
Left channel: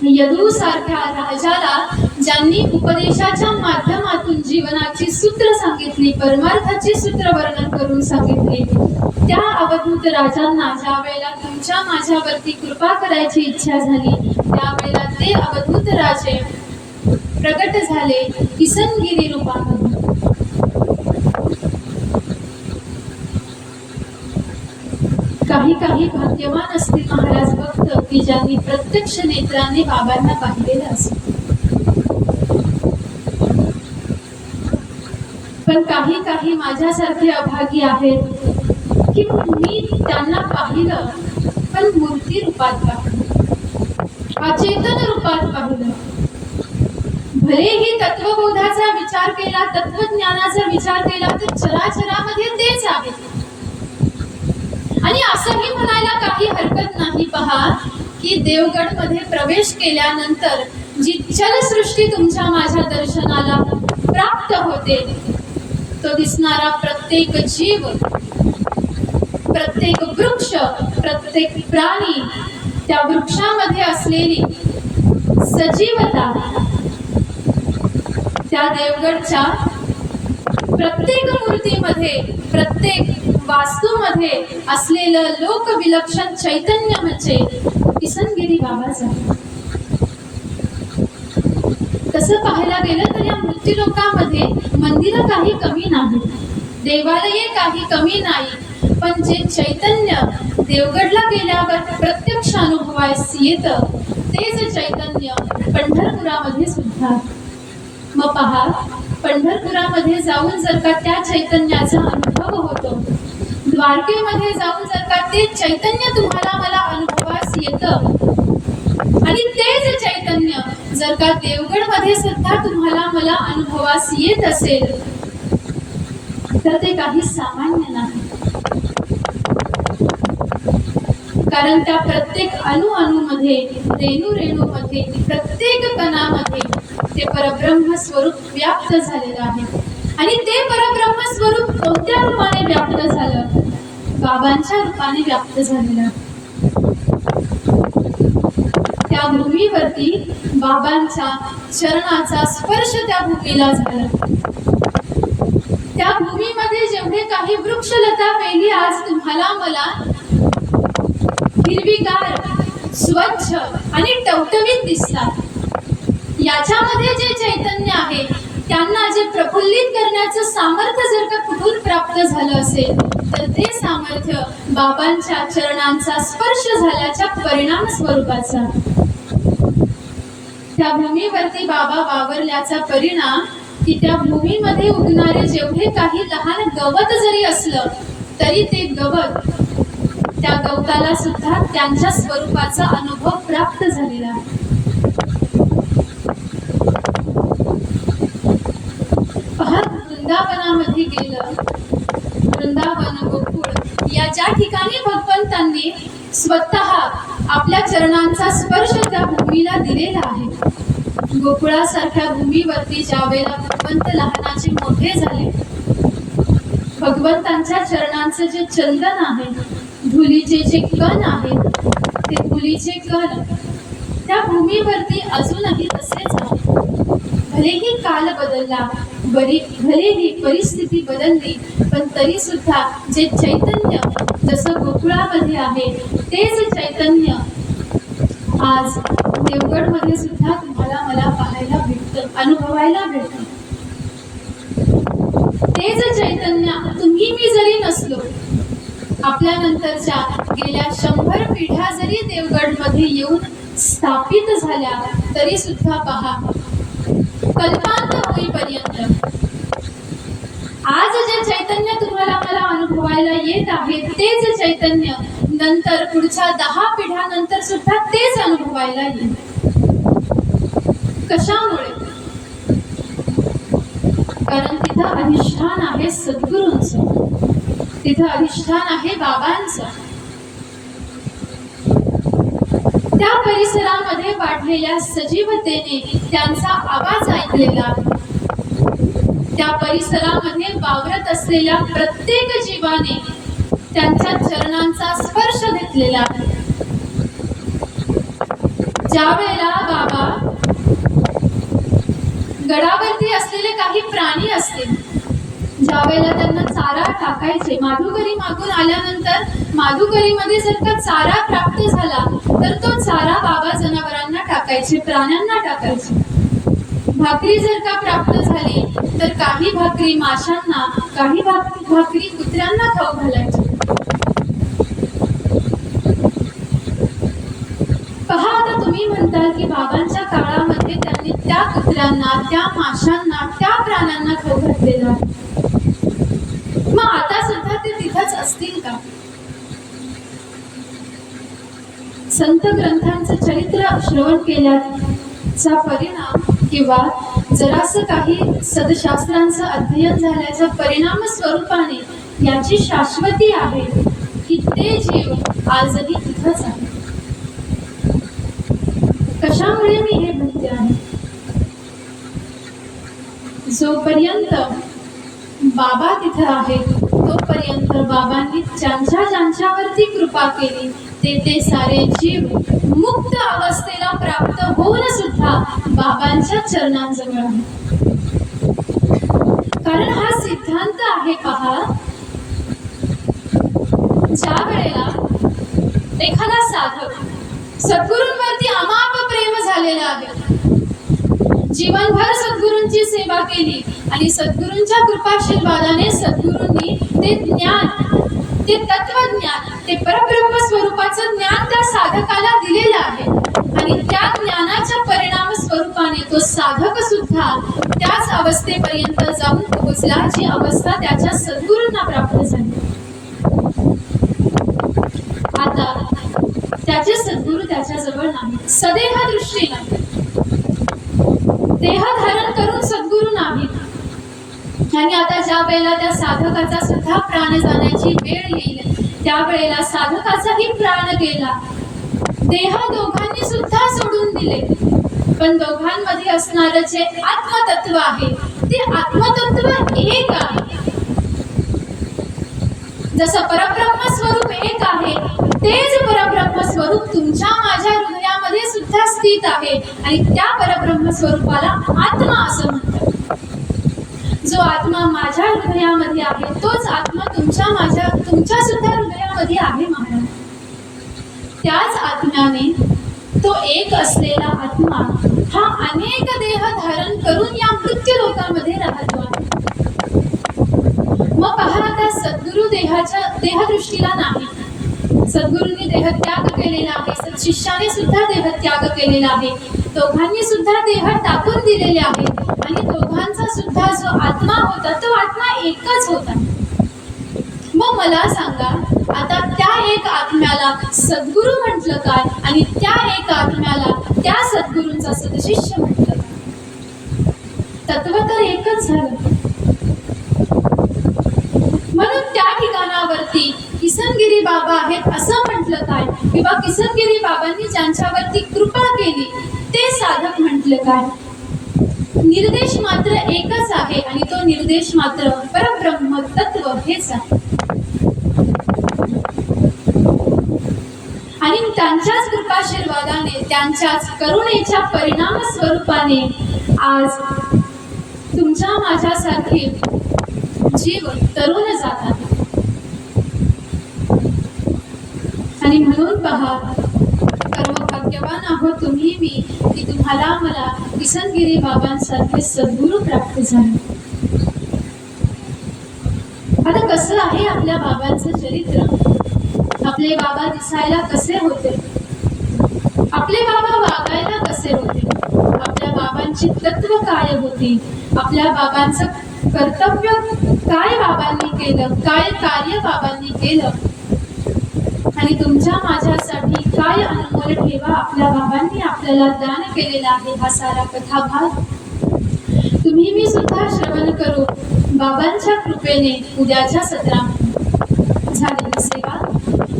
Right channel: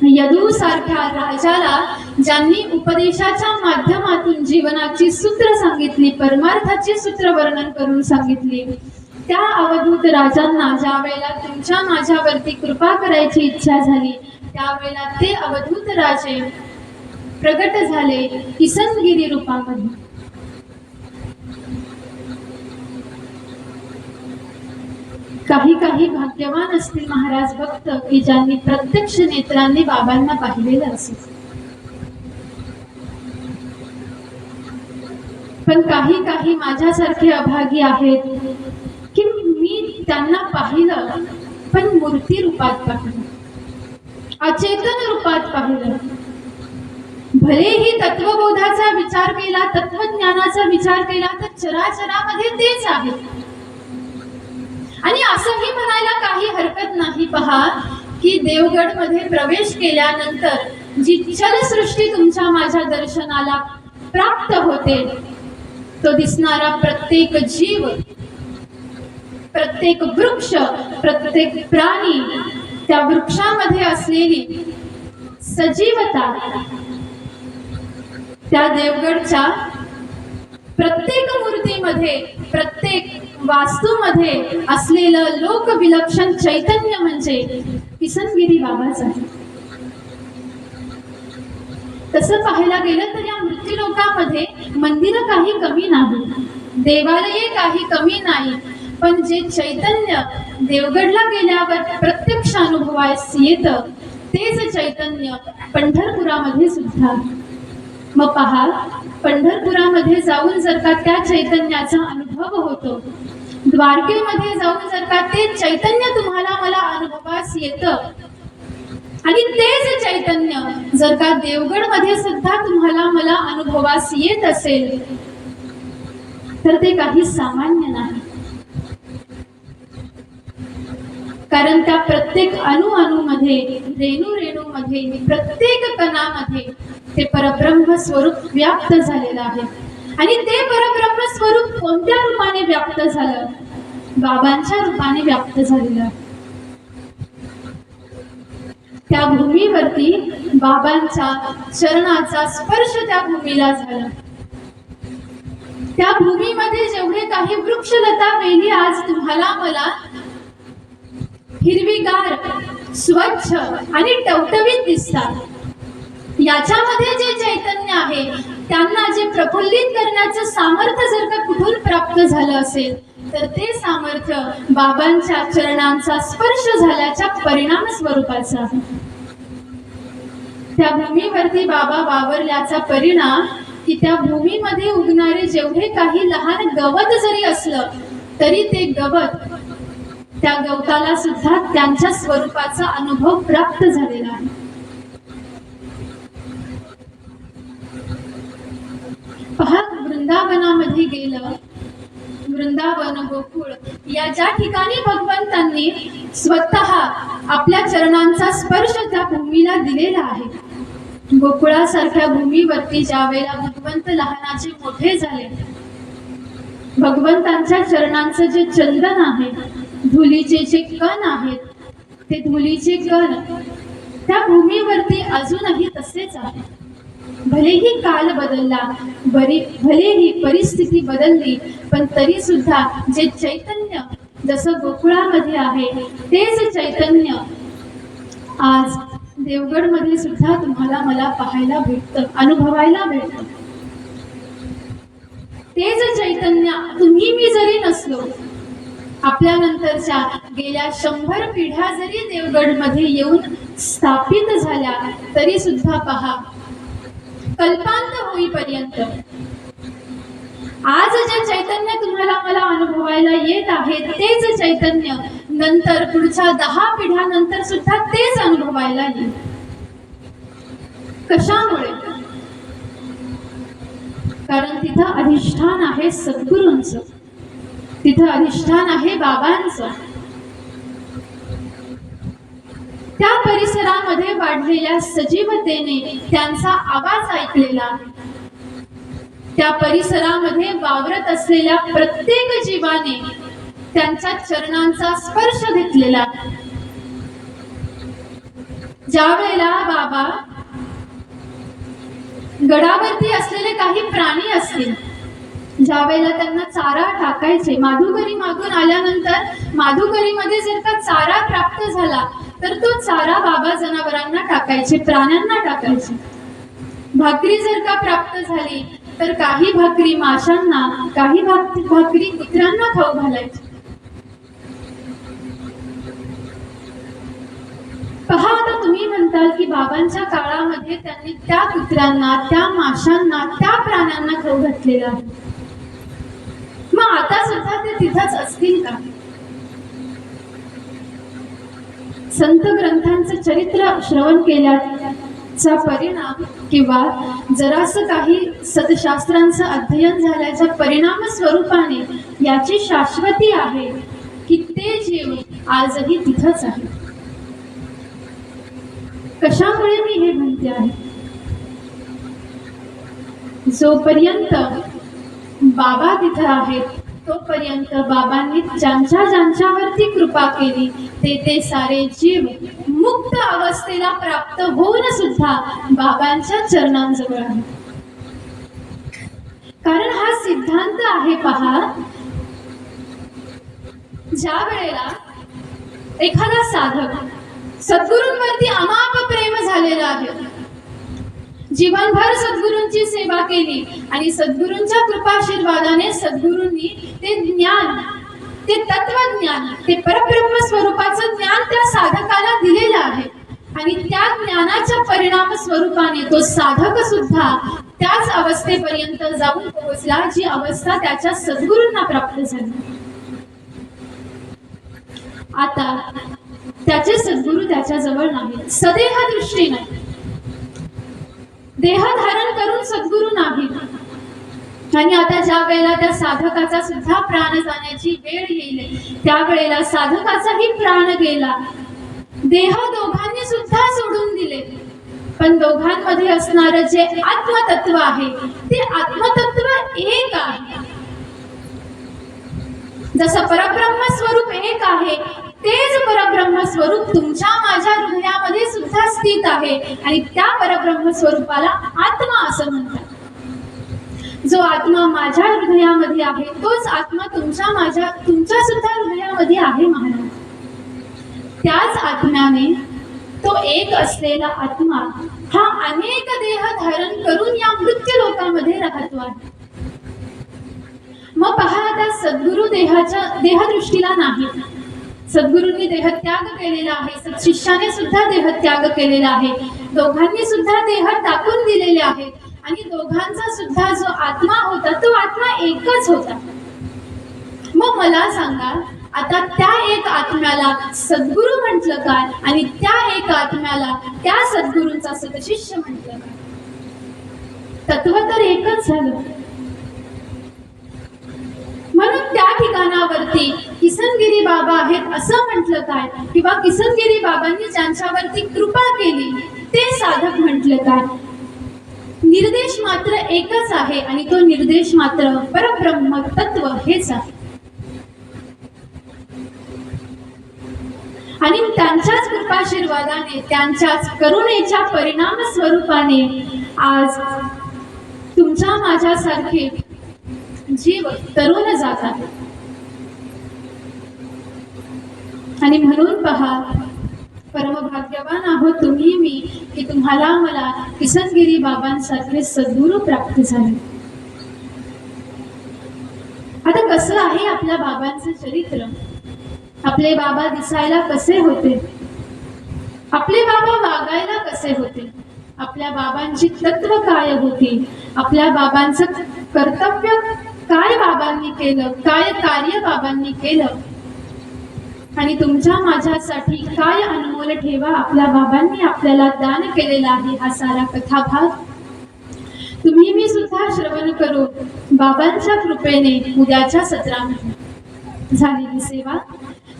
यदू सारख्या राजाला ज्यांनी उपदेशाच्या माध्यमातून जीवनाची सूत्र सांगितली, परमार्थाची सूत्र वर्णन करून सांगितली, त्या अवधूत राजांना ज्या वेळेला तुमच्या माझ्यावरती कृपा करायची इच्छा झाली, त्यावेळेला ते अवधूत राजे प्रगट झाले किसनगिरी रूपामध्ये. काही काही भाग्यवान असतील महाराज भक्त की ज्यांनी प्रत्यक्ष नेत्रांनी बाबांना पाहिलेलं असेल, पण काही काही माझ्यासारखे अभागी आहेत की मी त्यांना पाहिलं पण मूर्ती रूपात पाहिलं, अचेतन रूपात पाहिलं. भलेही तत्वबोधाचा विचार केला, तत्वज्ञानाचा विचार केला तर चराचरामध्ये तेच आहे. आणि असंही म्हणायला काही हरकत नाही. पहा, की देवगडमध्ये प्रवेश केल्यानंतर जी चलसृष्टी तुमच्या माझ्या दर्शनाला प्राप्त होते, तो दिसणारा प्रत्येक जीव, प्रत्येक वृक्ष, प्रत्येक प्राणी, त्या वृक्षामध्ये असलेली सजीवता, त्या देवगडच्या प्रत्येक मूर्तीमध्ये, प्रत्येक वास्तूमध्ये असलेलं लोकविलक्षण चैतन्य म्हणजे किसनगिरी बाबाच आहे. तसं पाहायला गेलं तर या मृत्यूलोकामध्ये मंदिरं काही कमी नाही, देवालये काही कमी नाही, पण जे चैतन्य देवगडला गेल्यावर प्रत्यक्ष अनुभवायस येतं तेच चैतन्य पंढरपुरामध्ये सुद्धा. मग पहा, पंढरपुरामध्ये जाऊन जर का त्या चैतन्याचा अनुभव होतो, द्वारकेमध्ये जाऊन जर का ते चैतन्य तुम्हाला मला अनुभवास येतं, आणि तेच चैतन्य जर का देवगडमध्ये सुद्धा तुम्हाला मला अनुभवास येत असेल तर ते काही सामान्य नाही. कारण त्या प्रत्येक अणुमध्ये, रेणूमध्ये, प्रत्येक कणामध्ये ते परब्रह्म स्वरूप व्याप्त झालेलं आहे. आणि ते परब्रह्म स्वरूप कोणत्या रूपाने व्याप्त झालं? बाबांच्या रूपाने व्याप्त झालेलं आहे. त्या भूमीवरती बाबांच्या चरणाचा स्पर्श त्या भूमीला झाला. त्या भूमीमध्ये जेवढे काही वृक्षलता वेली आज तुम्हाला मला हिरवीगार, स्वच्छ आणि टवटवीत दिसतात, याच्यामध्ये जे चैतन्य आहे त्यांना जे प्रफुल्लित करण्याचं सामर्थ्य जर का कुठून प्राप्त झालं असेल तर ते सामर्थ्य बाबांच्या चरणांचा स्पर्श झाल्याच्या परिणाम स्वरूपाचा. त्या भूमीवरती बाबा वावरल्याचा परिणाम की त्या भूमीमध्ये उगणारे जेवढे काही लहान गवत जरी असलं तरी ते गवत, त्या गवताला सुद्धा त्यांच्या स्वरूपाचा अनुभव प्राप्त झालेला आहे. पहा, वृंदावनामध्ये गेलं, वृंदावन गोकुळ या ज्या ठिकाणी भगवंतांनी स्वतः आपल्या चरणांचा स्पर्श त्या भूमीला दिलेला आहे, गोकुळासारख्या भूमीवरती ज्या वेळेला भगवंत लहानाचे मोठे झाले, भगवंतांच्या चरणांचं जे चंदन आहे, धुलीचे जे कण आहेत, ते धुलीचे कण त्या भूमीवरती अजूनही तसेच आहे. भलेही काल बदलला, भलेही परिस्थिती बदलली, पण तरी सुद्धा जे चैतन्य जसं गोकुळामध्ये आहे तेच चैतन्य आज देवगडमध्ये सुद्धा तुम्हाला मला पाहायला भेटतं, अनुभवायला भेटतं. तेच चैतन्य तुम्ही मी जरी नसलो, आपल्या नंतरच्या गेल्या 100 पिढ्या जरी देवगडमध्ये येऊन स्थापित झाल्या तरी सुद्धा पहा, कल्पांत होईपर्यंत आज जे चैतन्य तुम्हाला मला अनुभवायला येत आहे तेच चैतन्य नंतर पुढच्या 10 पिढ्यानंतर सुद्धा तेच अनुभवायला येईल. कशामुळे? कारण तिथं अधिष्ठान आहे सद्गुरूंचं, तिथं अधिष्ठान आहे बाबांचं. त्या परिसरामध्ये वाढलेल्या सजीवतेने त्यांचा आवाज ऐकलेला, त्या परिसरामध्ये वावरत असलेल्या प्रत्येक जीवाने त्यांच्या चरणांचा स्पर्श घेतलेला. ज्या वेळेला बाबा गडावरती असलेले काही प्राणी असतील, ज्या वेळेला त्यांना चारा टाकायचे, माधुकरी मागून आल्यानंतर माधुकरीमध्ये जर का चारा प्राप्त झाला तर तो चारा बाबा जनावरांना टाकायचे, प्राण्यांना टाकायचे. भाकरी जर का प्राप्त झाली तर काही भाकरी माशांना, काही भाकरी कुत्र्यांना खाऊ घालायचे. पहा, आता तुम्ही म्हणताल की बाबांच्या काळामध्ये त्यांनी त्या कुत्र्यांना, त्या माशांना, त्या प्राण्यांना खाऊ घातलेलं आहे. मग आता सुद्धा ते तिथंच असतील का? संत ग्रंथांचं चरित्र श्रवण केल्याचा परिणाम किंवा जरासं काही सदशास्त्रांचं अध्ययन झाल्याच्या परिणाम स्वरूपाने याची शाश्वती आहे की ते जीव आजही तिथंच आहे. कशामुळे मी हे म्हणते आहे? जोपर्यंत बाबा तिथं आहेत तोपर्यंत बाबांनी ज्यांच्यावरती कृपा केली ते सारे जीव मुक्त अवस्थेला प्राप्त होऊन सुद्धा बाबांच्या चरणांजवळ आहे. कारण हा सिद्धांत आहे पहा, ज्या वेळेला एखादा साधक सद्गुरूंवरती अमाप प्रेम झालेला आहे, जीवनभर सद्गुरूंची सेवा केली आणि सद्गुरूंच्या कृपाशीर्वादाने सद्गुरूंनी ते ज्ञान, ते तत्वज्ञान, ते परब्रह्म स्वरूपाचं ज्ञान त्या साधकाला दिलेलं आहे आणि त्या ज्ञानाच्या परिणाम स्वरूपाने तो साधक सुद्धा त्याच अवस्थेपर्यंत जाऊन पोहोचला जी अवस्था त्याच्या सद्गुरूंना प्राप्त झाली. आता त्याचे सद्गुरू त्याच्या जवळ नाहीत, सदेह दृष्टी नाही, देह धारण करून सद्गुरू नाहीत. आणि आता ज्या वेळेला त्या साधकाचा सुद्धा प्राण जाण्याची वेळ येईल त्यावेळेला साधकाचाही प्राण गेला, देह दोघांनी सुद्धा सोडून दिले, पण दोघांमध्ये असणारं जे आत्मतत्व आहे ते आत्मतत्व एक आहे. जसं परब्रह्म स्वरूप एक आहे तेच परब्रह्म स्वरूप तुमच्या माझ्या हृदयामध्ये सुद्धा स्थित आहे आणि त्या परब्रह्म स्वरूपाला आत्मा असं म्हणतात. जो आत्मा माझ्या हृदयामध्ये आहे तोच आत्मा तुमच्या सुद्धा हृदयामध्ये आहे महाराज. त्याच आत्म्याने तो एक असलेला आत्मा हा अनेक देह धारण करून या मृत्यू लोकांमध्ये राहतो आहे. मग पहा, आता सद्गुरु देहदृष्टीला नाही, सद्गुरूंनी देहत्याग केलेला आहे, सत्शिष्याने सुद्धा देहत्याग केलेला आहे, दोघांनी सुद्धा देह टाकून दिलेले आहेत आणि दोघांचा सुद्धा जो आत्मा होता तो आत्मा एकच होता. मग मला सांगा, आता त्या एक आत्म्याला सद्गुरू म्हटलं काय आणि त्या एक आत्म्याला त्या सद्गुरूंचा सदशिष्य म्हटलं काय? तत्व तर एकच झालं. म्हणून त्या ठिकाणावरती किसनगिरी बाबा आहेत असं म्हटलं काय, किंवा किसनगिरी बाबांनी ज्यांच्यावरती कृपा केली ते साधक म्हटलं काय? निर्देश मात्र एकच आहे आणि तो निर्देश मात्र परब्रह्म तत्व हेच आहे. आणि त्यांच्याच कृपाशीर्वादाने, त्यांच्याच करुणेच्या परिणाम स्वरूपाने आज तुमच्या माझ्यासारखे जीव तरुण जातात. आणि म्हणून पहा, परमभाग्यवान आहोत तुम्ही मी की तुम्हाला मला किसनगिरी बाबांसारखे सद्गुरू प्राप्त झाले. आता कसं आहे आपल्या बाबांचं चरित्र? आपले बाबा दिसायला कसे होते? आपले बाबा वागायला कसे होते? आपल्या बाबांची तत्व काय होती? आपल्या बाबांचं कर्तव्य काय बाबांनी केलं? काय कार्य बाबांनी केलं? आणि तुमच्या माझ्यासाठी काय अनमोल ठेवा आपल्या बाबांनी आपल्याला दान केलेला आहे हा सारा कथाभाग तुम्ही मी सुद्धा श्रवण करू. बाबांच्या कृपेने उद्याच्या सत्रामध्ये झालेली सेवा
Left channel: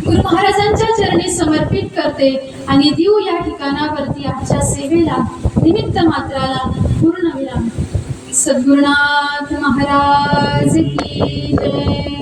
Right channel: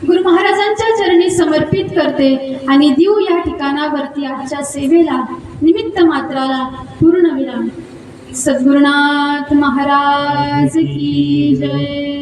गुरु महाराजांच्या चरणी समर्पित करते आणि देऊ या ठिकाणावरती आजच्या सेवेला निमित्त मात्राला पूर्ण विराम. सद्गुरुनाथ महाराज की जय.